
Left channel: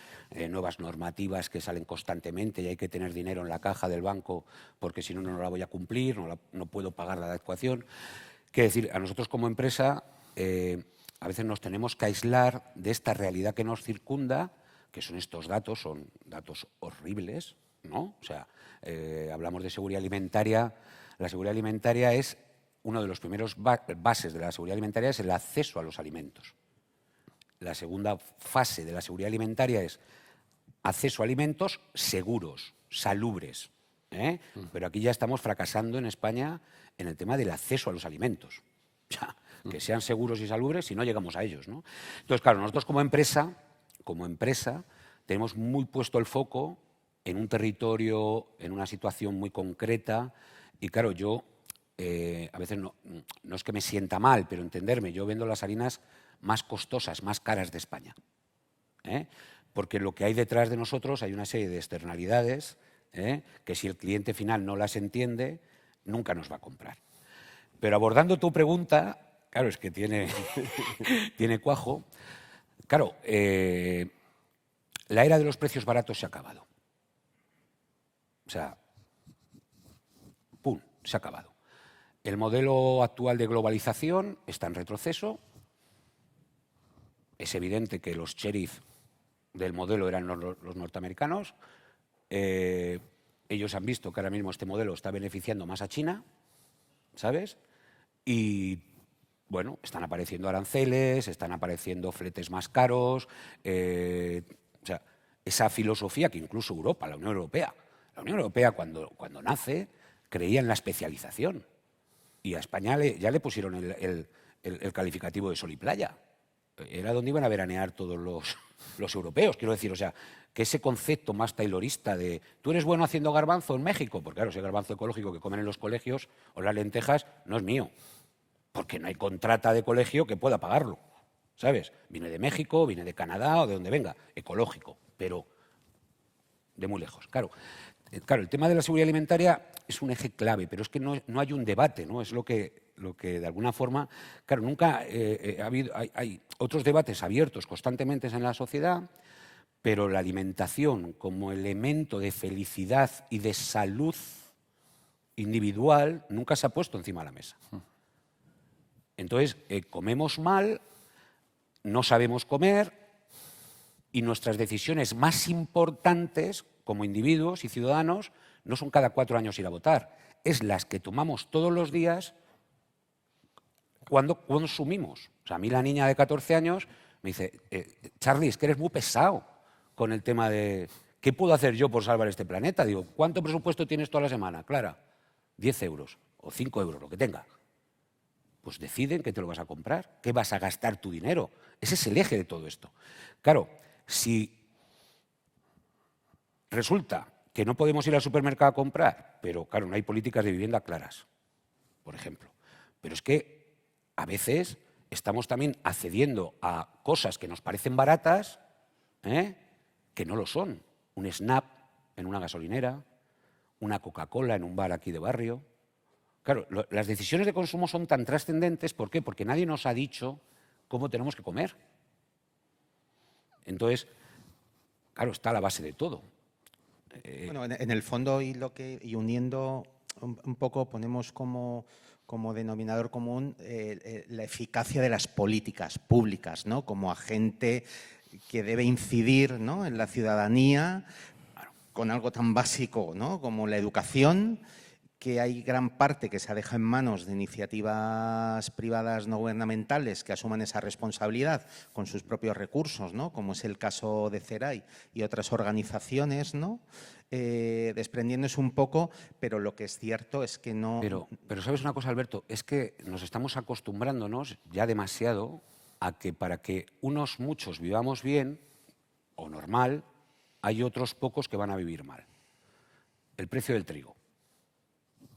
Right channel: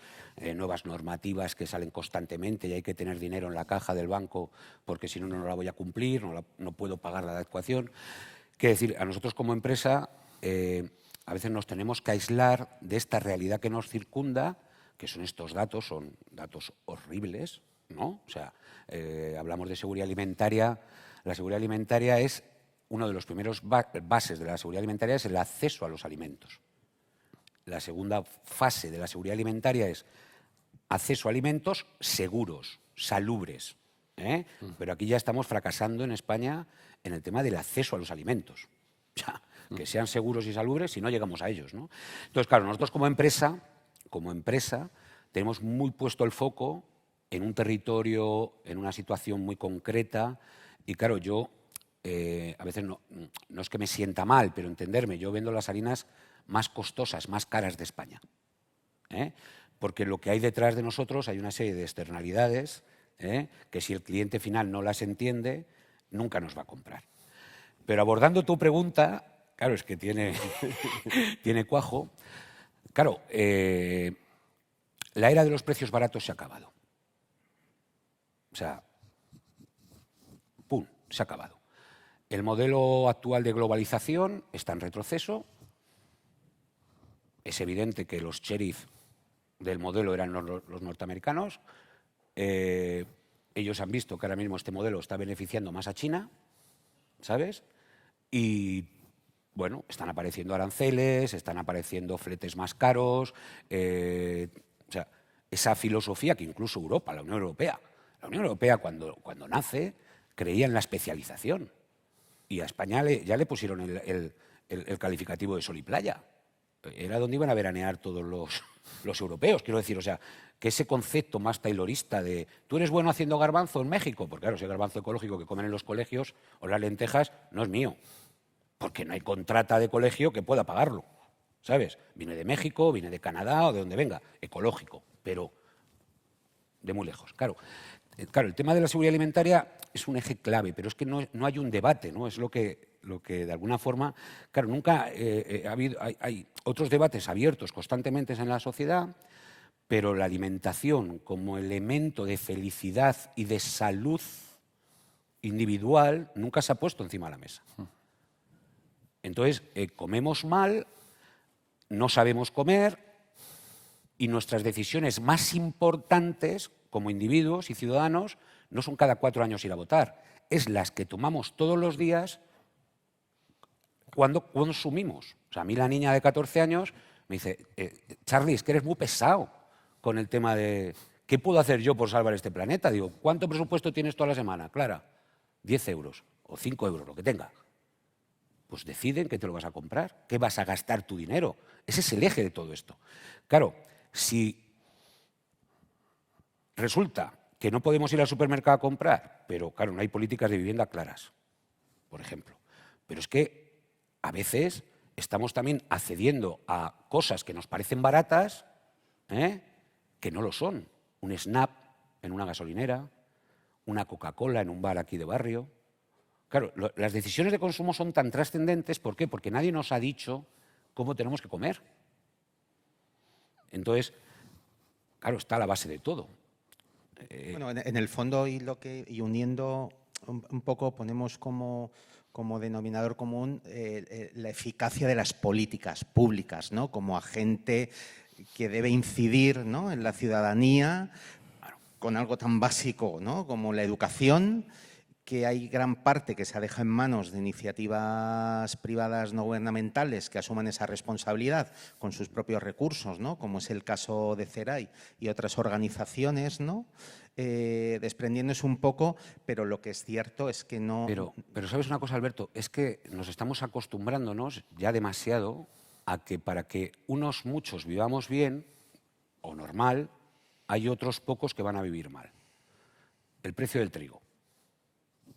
nuevas normativas que salen constantemente y hay que tener dinero en la caja del banco porque si no, no la voy a cumplir, no puedo pagar la adecuación. Que decir, a nosotros como empresa a veces nos tenemos que aislar de esta realidad que nos circunda, que son estos datos, son datos horribles, ¿no? O sea, hablamos de seguridad alimentaria, la seguridad alimentaria es... Uno de los primeros bases de la seguridad alimentaria es el acceso a los alimentos. La segunda fase de la seguridad alimentaria es acceso a alimentos seguros, salubres. Pero aquí ya estamos fracasando en España en el tema del acceso a los alimentos. O sea, que sean seguros y salubres si no llegamos a ellos, ¿no? Entonces, claro, nosotros como empresa, tenemos muy puesto el foco en un territorio, en una situación muy concreta. Y claro, yo... a veces no es que me sienta mal, pero entenderme, yo vendo las harinas más costosas, más caras de España. Porque lo que hay detrás de nosotros hay una serie de externalidades que si el cliente final no las entiende, nunca nos va a comprar. Pero abordando tu pregunta, claro, es que tiene cuajo. Claro, la era de los precios baratos se ha acabado. O sea, ¡pum!, se ha acabado. El modelo actual de globalización está en retroceso. Es evidente que los sheriff del modelo eran los norteamericanos. Ellos han visto que ahora mismo este modelo está beneficiando más a China, ¿sabes? Y bueno, están apareciendo aranceles, están apareciendo fletes más caros, o sea, esa filosofía que incluso Europa, la Unión Europea cuando nace, creía en la especialización. Y a España ya le pusieron el calificativo de sol y playa. Era donde iban a veranear todos los europeos, quiero decir, o sea, que ese concepto más taylorista de tú eres bueno haciendo garbanzo en México, porque claro, el garbanzo ecológico que comen en los colegios o las lentejas no es mío, porque no hay contrata de colegio que pueda pagarlo, ¿sabes? Viene de México, viene de Canadá o de donde venga, ecológico, pero de muy lejos, claro. Claro, el tema de la seguridad alimentaria es un eje clave, pero es que no hay un debate, ¿no? Es lo que de alguna forma, claro, nunca hay otros debates abiertos constantemente en la sociedad, pero la alimentación como elemento de felicidad y de salud individual nunca se ha puesto encima de la mesa. Entonces, comemos mal, no sabemos comer, y nuestras decisiones más importantes como individuos y ciudadanos no son cada 4 años ir a votar, es las que tomamos todos los días cuando consumimos. O sea, a mí la niña de 14 años me dice, Charlie, es que eres muy pesado con el tema de ¿qué puedo hacer yo por salvar este planeta? Digo, ¿cuánto presupuesto tienes toda la semana? Clara, 10 euros o 5 euros, lo que tenga. Pues decide que te lo vas a comprar, que vas a gastar tu dinero. Ese es el eje de todo esto. Claro, si resulta que no podemos ir al supermercado a comprar, pero claro, no hay políticas de vivienda claras, por ejemplo. Pero es que a veces estamos también accediendo a cosas que nos parecen baratas, que no lo son. Un Snap en una gasolinera, una Coca-Cola en un bar aquí de barrio. Claro, las decisiones de consumo son tan trascendentes, ¿por qué? Porque nadie nos ha dicho cómo tenemos que comer. Entonces, claro, está a la base de todo. Bueno, en el fondo y uniendo un poco, ponemos como denominador común la eficacia de las políticas públicas, ¿no? Como agente que debe incidir, ¿no?, en la ciudadanía con algo tan básico, ¿no?, como la educación, que hay gran parte que se deja en manos de iniciativas privadas no gubernamentales que asuman esa responsabilidad con sus propios recursos, ¿no?, como es el caso de CERAI y otras organizaciones, ¿no?, desprendiéndose un poco, pero lo que es cierto es que no... Pero ¿sabes una cosa, Alberto? Es que nos estamos acostumbrándonos ya demasiado a que para que muchos vivamos bien o normal, hay otros pocos que van a vivir mal. El precio del trigo.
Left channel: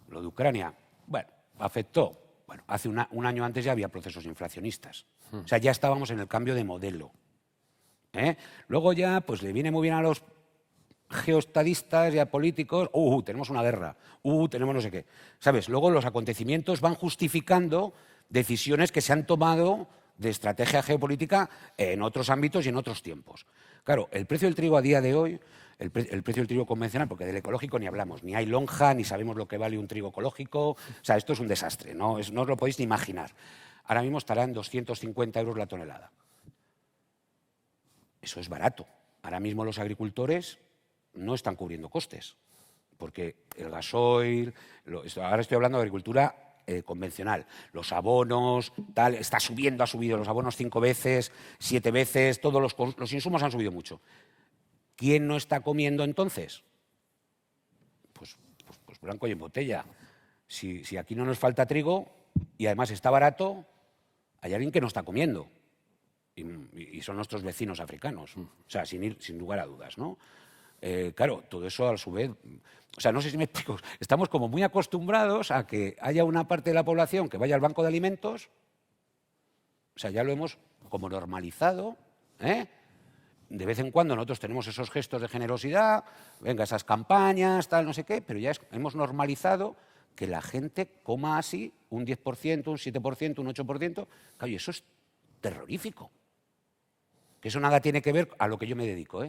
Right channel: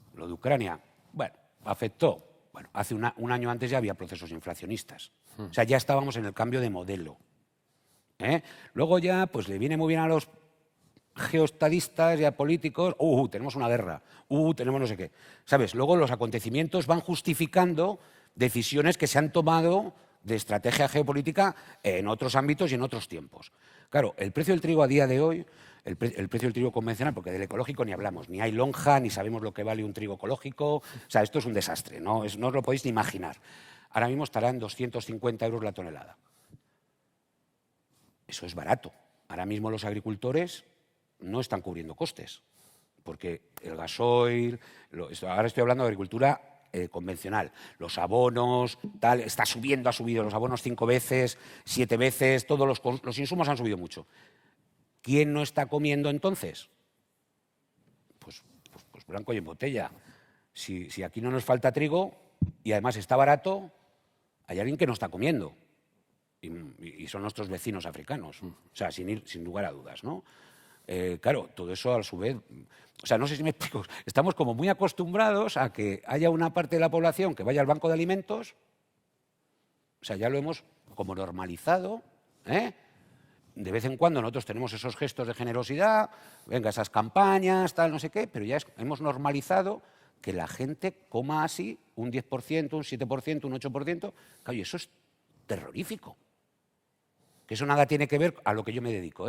Lo de Ucrania, bueno, afectó. Bueno, hace un año antes ya había procesos inflacionistas. O sea, ya estábamos en el cambio de modelo. Luego ya, pues le viene muy bien a los geoestadistas y a políticos, tenemos una guerra, tenemos no sé qué. ¿Sabes? Luego los acontecimientos van justificando decisiones que se han tomado de estrategia geopolítica en otros ámbitos y en otros tiempos. Claro, el precio del trigo a día de hoy, el precio del trigo convencional, porque del ecológico ni hablamos, ni hay lonja, ni sabemos lo que vale un trigo ecológico, o sea, esto es un desastre, no lo podéis ni imaginar. Ahora mismo estará en 250 euros la tonelada. Eso es barato. Ahora mismo los agricultores no están cubriendo costes, porque el gasoil, ahora estoy hablando de agricultura convencional, los abonos, tal, ha subido los abonos 5 veces, 7 veces, todos los insumos han subido mucho. ¿Quién no está comiendo entonces? Pues blanco y en botella. Si aquí no nos falta trigo y además está barato, hay alguien que no está comiendo. Y son nuestros vecinos africanos. O sea, sin lugar a dudas, ¿no? Claro, todo eso a su vez... O sea, no sé si me explico. Estamos como muy acostumbrados a que haya una parte de la población que vaya al banco de alimentos. O sea, ya lo hemos como normalizado, De vez en cuando nosotros tenemos esos gestos de generosidad, venga, esas campañas, tal, no sé qué, pero ya hemos normalizado que la gente coma así un 10%, un 7%, un 8%. Claro, y eso es terrorífico. Que eso nada tiene que ver a lo que yo me dedico,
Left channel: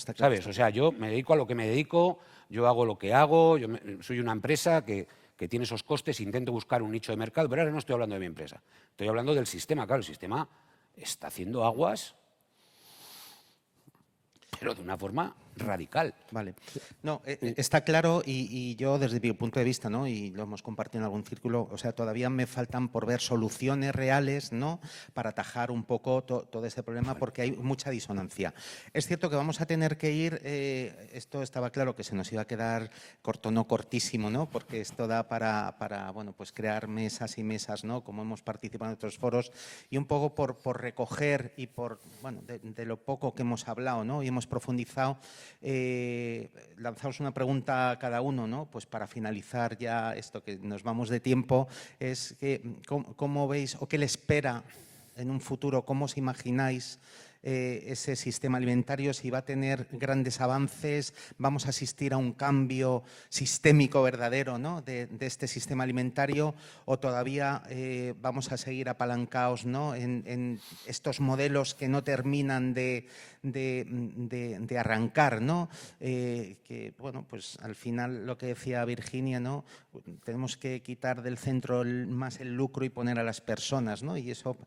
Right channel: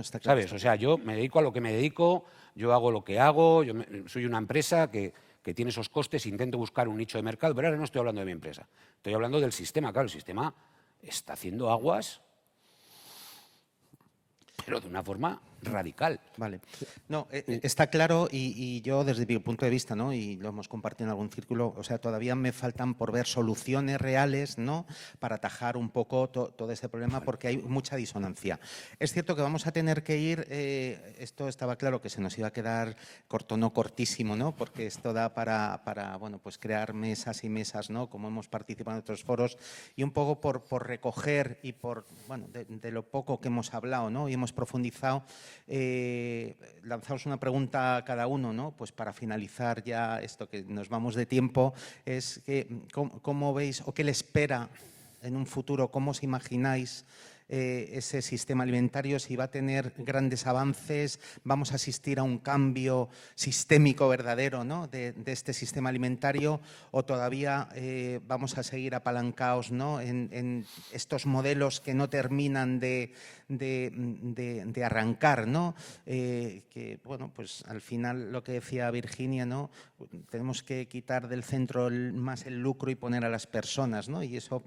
¿sabes? O sea, yo me dedico a lo que me dedico, yo hago lo que hago, yo soy una empresa que tiene esos costes, intento buscar un nicho de mercado, pero ahora no estoy hablando de mi empresa. Estoy hablando del sistema. Claro, el sistema está haciendo aguas, pero de una forma radical. Vale. No, está claro y yo desde mi punto de vista, ¿no? Y lo hemos compartido en algún círculo, o sea, todavía me faltan por ver soluciones reales, ¿no? Para atajar un poco todo este problema porque hay mucha disonancia. Es cierto que vamos a tener que ir, esto estaba claro que se nos iba a quedar corto, no cortísimo, ¿no? Porque esto da para bueno, pues crear mesas y mesas, ¿no? Como hemos participado en otros foros y un poco por recoger y por, bueno, de lo poco que hemos hablado, ¿no? Y hemos profundizado. Lanzamos una pregunta a cada uno, ¿no? Pues para finalizar ya esto que nos vamos de tiempo, es ¿cómo veis o qué le espera en un futuro? ¿Cómo os imagináis ese sistema alimentario? Si va a tener grandes avances, vamos a asistir a un cambio sistémico verdadero, ¿no? de este sistema alimentario, o todavía vamos a seguir apalancados, ¿no? en estos modelos que no terminan de arrancar, ¿no? Que, bueno, pues al final lo que decía Virginia, ¿no? Tenemos que quitar del centro más el lucro y poner a las personas, ¿no? Y eso,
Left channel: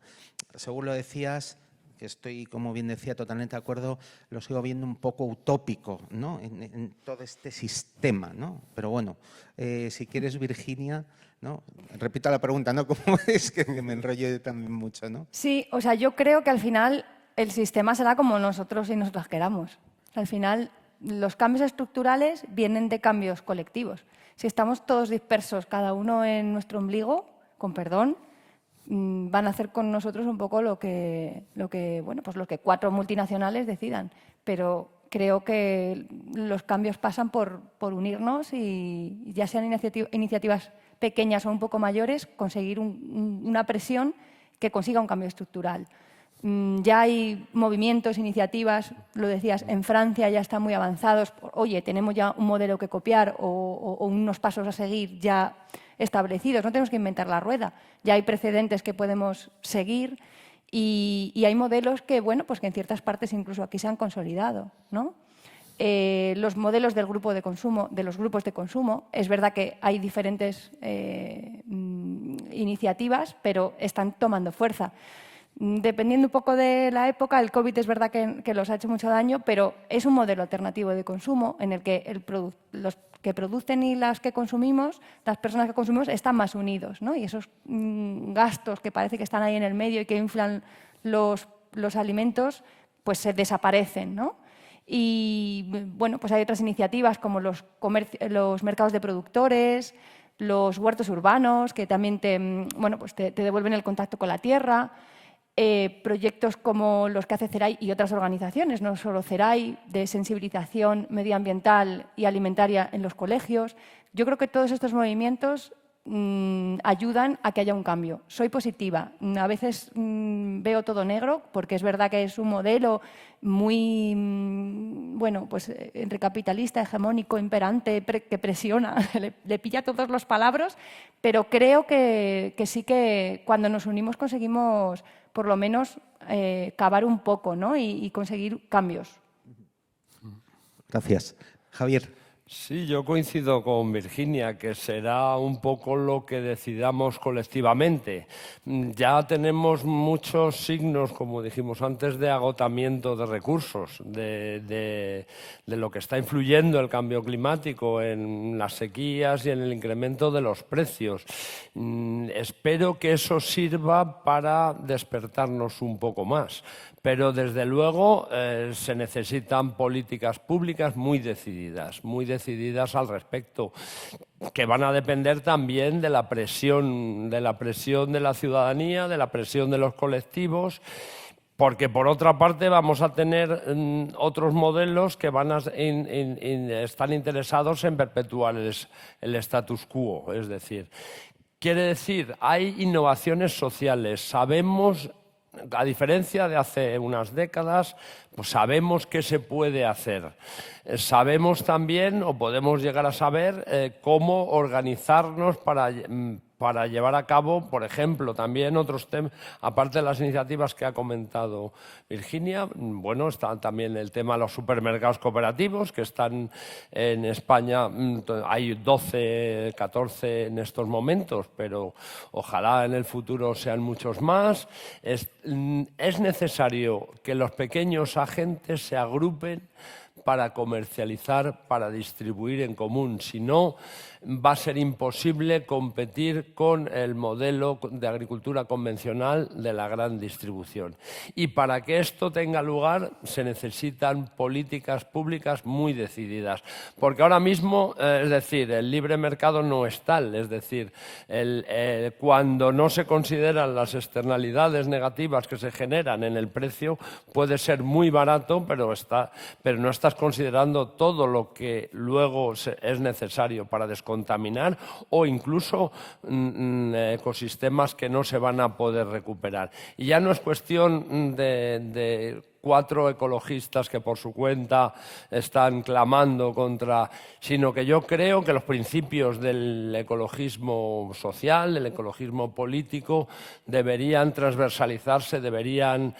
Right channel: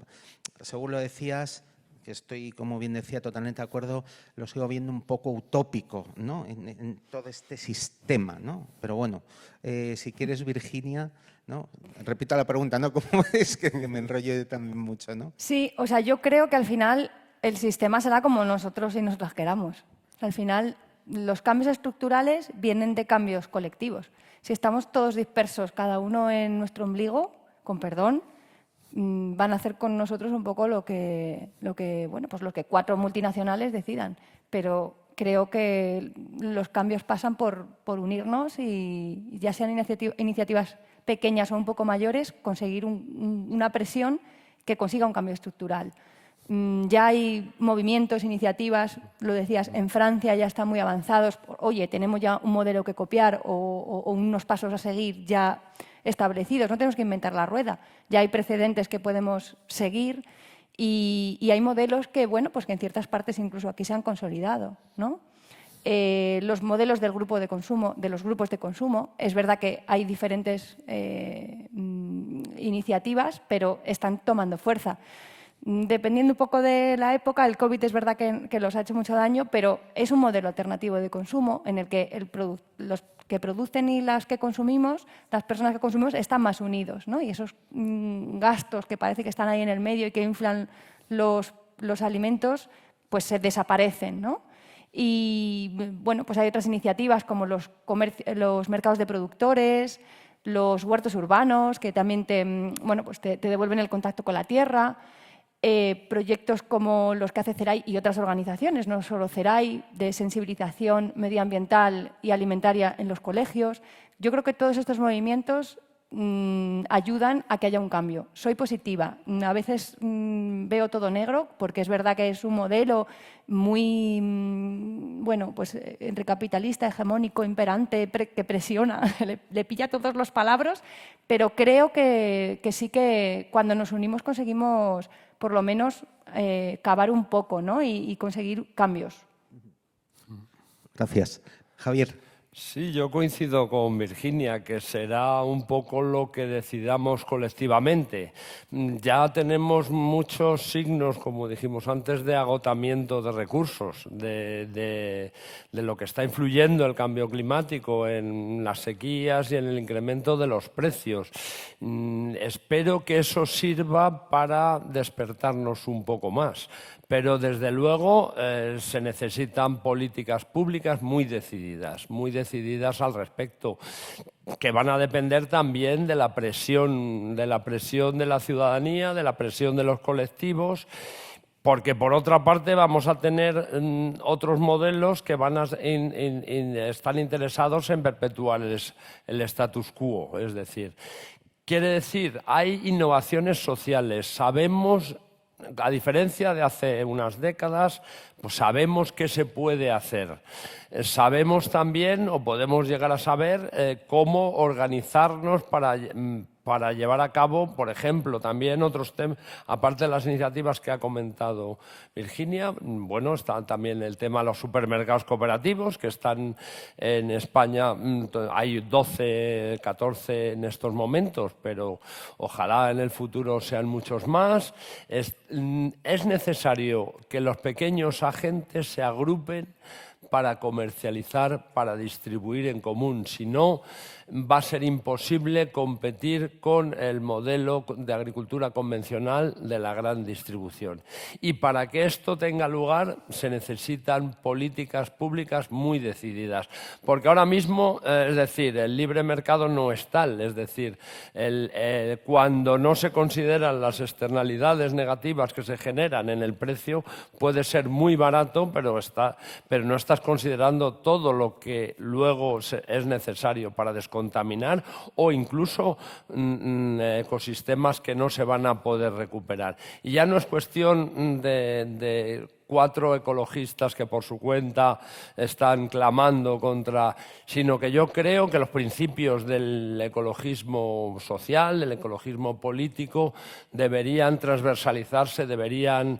según lo decías, que estoy, como bien decía, totalmente de acuerdo, lo sigo viendo un poco utópico, ¿no? En todo este sistema, ¿no? Pero bueno, si quieres, Virginia, ¿no? Repito la pregunta, ¿no? ¿Cómo es que me enrollé tan mucho, ¿no? Sí, o sea, yo creo que al final el sistema será como nosotros y nos las queramos. Al final, los cambios estructurales vienen de cambios colectivos. Si estamos todos dispersos, cada uno en nuestro ombligo, con perdón, van a hacer con nosotros un poco lo que 4 multinacionales decidan. Pero creo que los cambios pasan por unirnos y, ya sean iniciativas pequeñas o un poco mayores, conseguir una presión que consiga un cambio estructural. Ya hay movimientos, iniciativas, lo decías, en Francia ya están muy avanzados. Oye, tenemos ya un modelo que copiar o unos pasos a seguir ya establecidos, no tenemos que inventar la rueda. Ya hay precedentes que podemos seguir y hay modelos que, bueno, pues que en ciertas partes incluso aquí se han consolidado, ¿no? Los modelos del grupo de consumo, de los grupos de consumo, es verdad que hay diferentes iniciativas, pero están tomando fuerza. Dependiendo un poco de la época, el COVID es verdad que los ha hecho mucho daño, pero es un modelo alternativo de consumo en el que los que producen y las que consumimos, las personas que consumimos, están más unidos, ¿no? Y esos gastos que parece que están ahí en el medio y que inflan los alimentos, pues se desaparecen, ¿no? Y bueno, pues hay otras iniciativas como los mercados de productores, los huertos urbanos, que también te devuelven el contacto con la tierra. Proyectos como los que hace CERAI y otras organizaciones, no solo CERAI, de sensibilización medioambiental y alimentaria en los colegios. Yo creo que todos estos movimientos ayudan a que haya un cambio. Soy positiva. A veces veo todo negro, porque es verdad que es un modelo muy, bueno, pues capitalista, hegemónico, imperante, que presiona, le pilla todos los palabras, pero creo que sí que cuando nos unimos conseguimos por lo menos cavar un poco, ¿no? y conseguir cambios. Gracias. Javier. Sí, yo coincido con Virginia, que será un poco lo que decidamos colectivamente. Ya tenemos muchos signos, como dijimos antes, de agotamiento de recursos, de lo que está influyendo el cambio climático en las sequías y en el incremento de los precios. Espero que eso sirva para despertarnos un poco más. Pero desde luego se necesitan políticas públicas muy decididas al respecto, que van a depender también de la presión de la ciudadanía, de la presión de los colectivos, porque por otra parte vamos a tener otros modelos que van a están interesados en perpetuar el status quo, es decir, quiere decir, hay innovaciones sociales, sabemos. A diferencia de hace unas décadas, pues sabemos qué se puede hacer. Sabemos también, o podemos llegar a saber, cómo organizarnos para llevar a cabo, por ejemplo, también otros temas, aparte de las iniciativas que ha comentado Virginia, bueno, está también el tema de los supermercados cooperativos, que están en España, hay 12, 14 en estos momentos, pero ojalá en el futuro sean muchos más. Es necesario que los pequeños agentes se agrupen para comercializar, para distribuir en común. Si no, va a ser imposible competir con el modelo de agricultura convencional de la gran distribución. Y para que esto tenga lugar se necesitan políticas públicas muy decididas. Porque ahora mismo, es decir, el libre mercado no es tal. Es decir, cuando no se consideran las externalidades negativas que se generan en el precio, puede ser muy barato, pero no estás considerando todo lo que luego es necesario para descontaminar o incluso ecosistemas que no se van a poder recuperar. Y ya no es cuestión de 4 ecologistas que por su cuenta están clamando contra, sino que yo creo que los principios del ecologismo social, del ecologismo político, deberían transversalizarse, deberían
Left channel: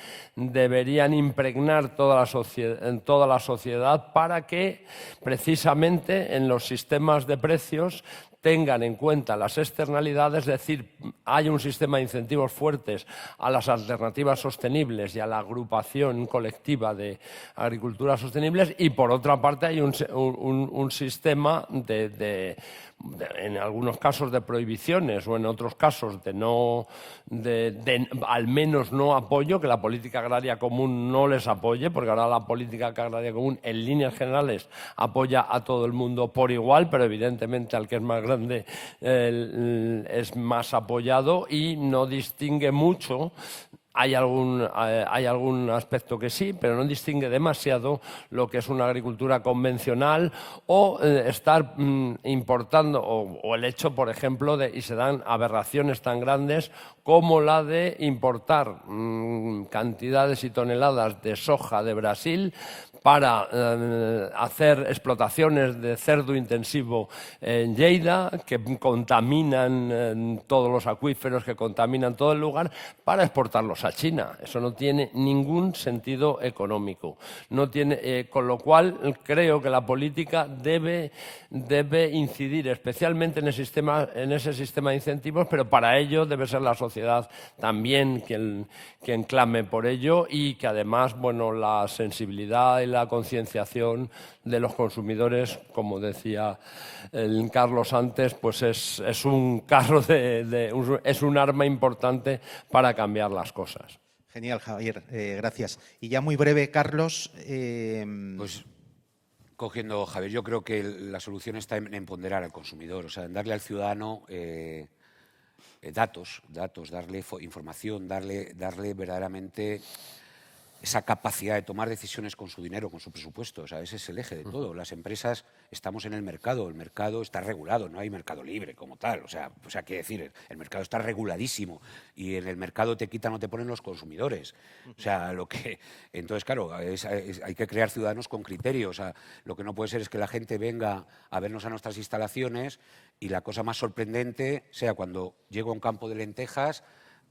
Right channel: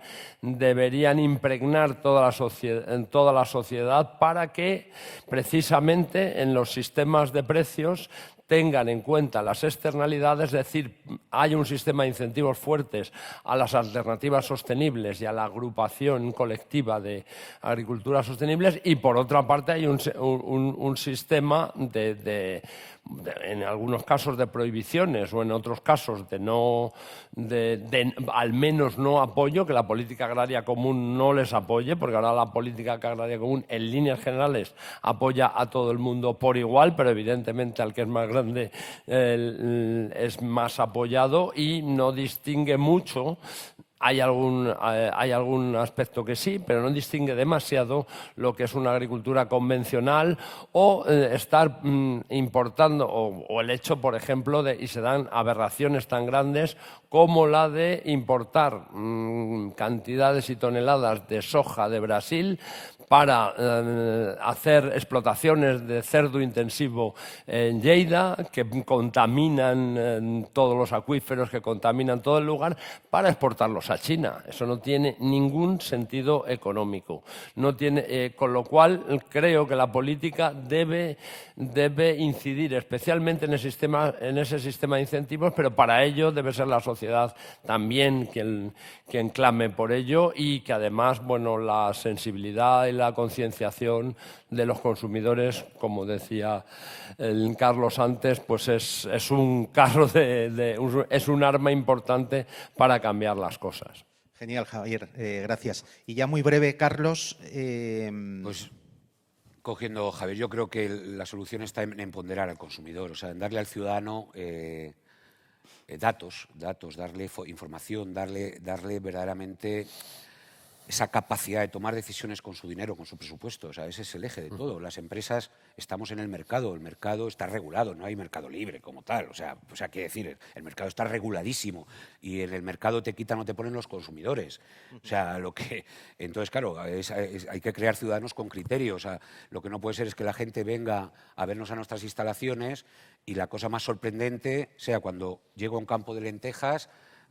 impregnar toda la sociedad para que precisamente en los sistemas de precios tengan en cuenta las externalidades, es decir, hay un sistema de incentivos fuertes a las alternativas sostenibles y a la agrupación colectiva de agriculturas sostenibles, y por otra parte hay un sistema en algunos casos de prohibiciones o en otros casos al menos no apoyo, que la política agraria común no les apoye, porque ahora la política agraria común en líneas generales apoya a todo el mundo por igual, pero evidentemente al que es más grande es más apoyado y no distingue mucho. Hay algún aspecto que sí, pero no distingue demasiado lo que es una agricultura convencional o estar importando, o el hecho, por ejemplo, y se dan aberraciones tan grandes como la de importar cantidades y toneladas de soja de Brasil para hacer explotaciones de cerdo intensivo en Lleida, que contaminan todos los acuíferos, que contaminan todo el lugar, para exportarlos a China. Eso no tiene ningún sentido económico. Con lo cual, creo que la política debe incidir especialmente en ese sistema de incentivos, pero para ello debe ser la sociedad también quien clame por ello, y que además, la sensibilidad y la concienciación de los consumidores, como decía Carlos antes, pues es un caso es un arma importante para cambiar las cosas. Genial, Javier, gracias. Y ya muy breve, Carlos. Pues cogiendo, Javier, yo creo que la solución está en empoderar al consumidor, o sea, darle al ciudadano datos, darle información, darle verdaderamente esa capacidad de tomar decisiones con su dinero, con su presupuesto. O sea, ese es el eje de todo. Las empresas estamos en el mercado está regulado, no hay mercado libre como tal. O sea, quiere decir, el mercado está reguladísimo y en el mercado te quitan o te ponen los consumidores. O sea, entonces, claro, hay que crear ciudadanos con criterios. O sea, lo que no puede ser es que la gente venga a vernos a nuestras instalaciones y la cosa más sorprendente sea cuando llego a un campo de lentejas,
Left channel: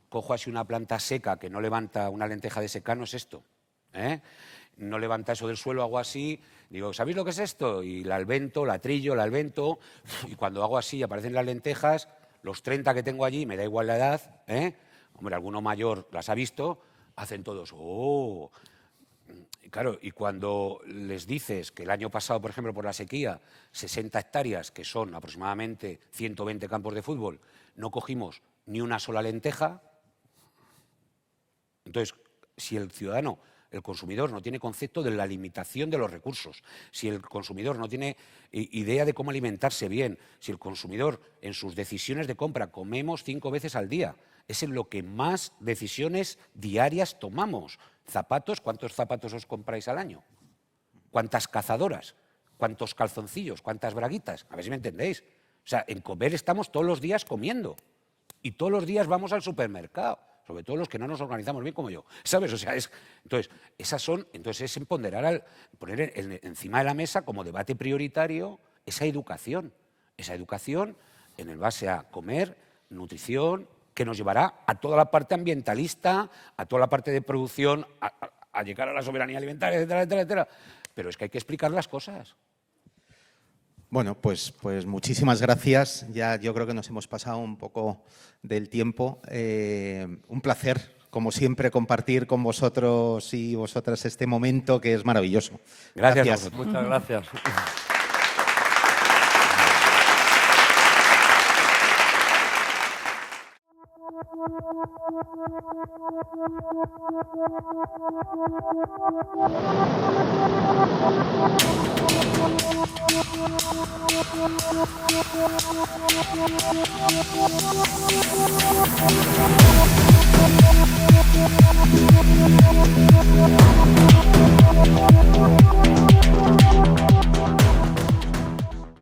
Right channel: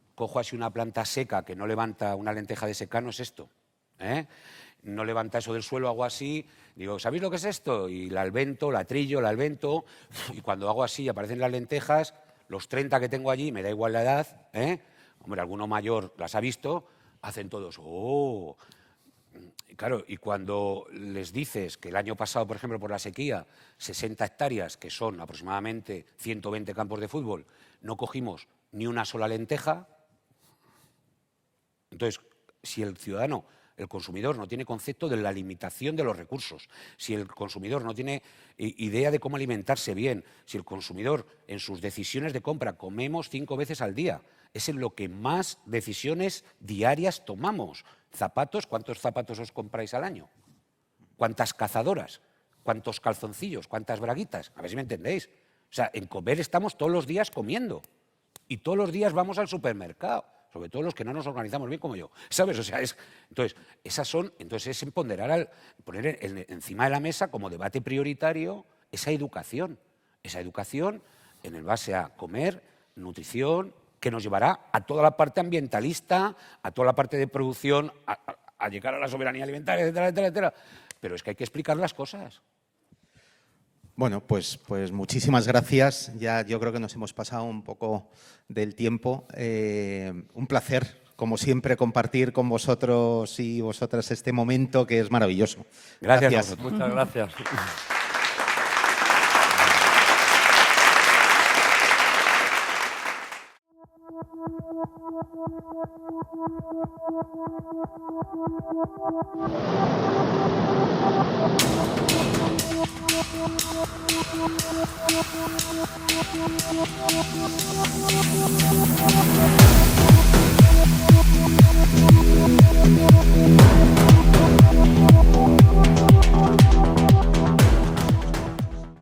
cojo así una planta seca que no levanta una lenteja de secano, es esto, no levanta eso del suelo, hago así, digo, ¿sabéis lo que es esto? Y la alvento, la trillo, la alvento, y cuando hago así aparecen las lentejas, los 30 que tengo allí, me da igual la edad, hombre, alguno mayor las ha visto, hacen todos, ¡oh! Y claro, y cuando les dices que el año pasado, por ejemplo, con la sequía, 60 hectáreas, que son aproximadamente 120 campos de fútbol, no cogimos ni una sola lenteja. Entonces, si el ciudadano, el consumidor, no tiene concepto de la limitación de los recursos, si el consumidor no tiene idea de cómo alimentarse bien, si el consumidor en sus decisiones de compra comemos 5 veces al día, es en lo que más decisiones diarias tomamos. Zapatos, ¿cuántos zapatos os compráis al año? ¿Cuántas cazadoras? ¿Cuántos calzoncillos? ¿Cuántas braguitas? A ver si me entendéis. O sea, en comer estamos todos los días comiendo. Y todos los días vamos al supermercado. Sobre todo los que no nos organizamos bien como yo. ¿Sabes? O sea, entonces es empoderar, poner encima de la mesa como debate prioritario esa educación en base a comer, nutrición, que nos llevará a toda la parte ambientalista, a toda la parte de producción, a llegar a la soberanía alimentaria, etcétera. Pero es que hay que explicar las cosas. Bueno, pues muchísimas gracias. Ya yo creo que nos hemos pasado un poco del tiempo. Un placer, como siempre, compartir con vosotros y vosotras este momento que es maravilloso. Gracias. Muchas gracias.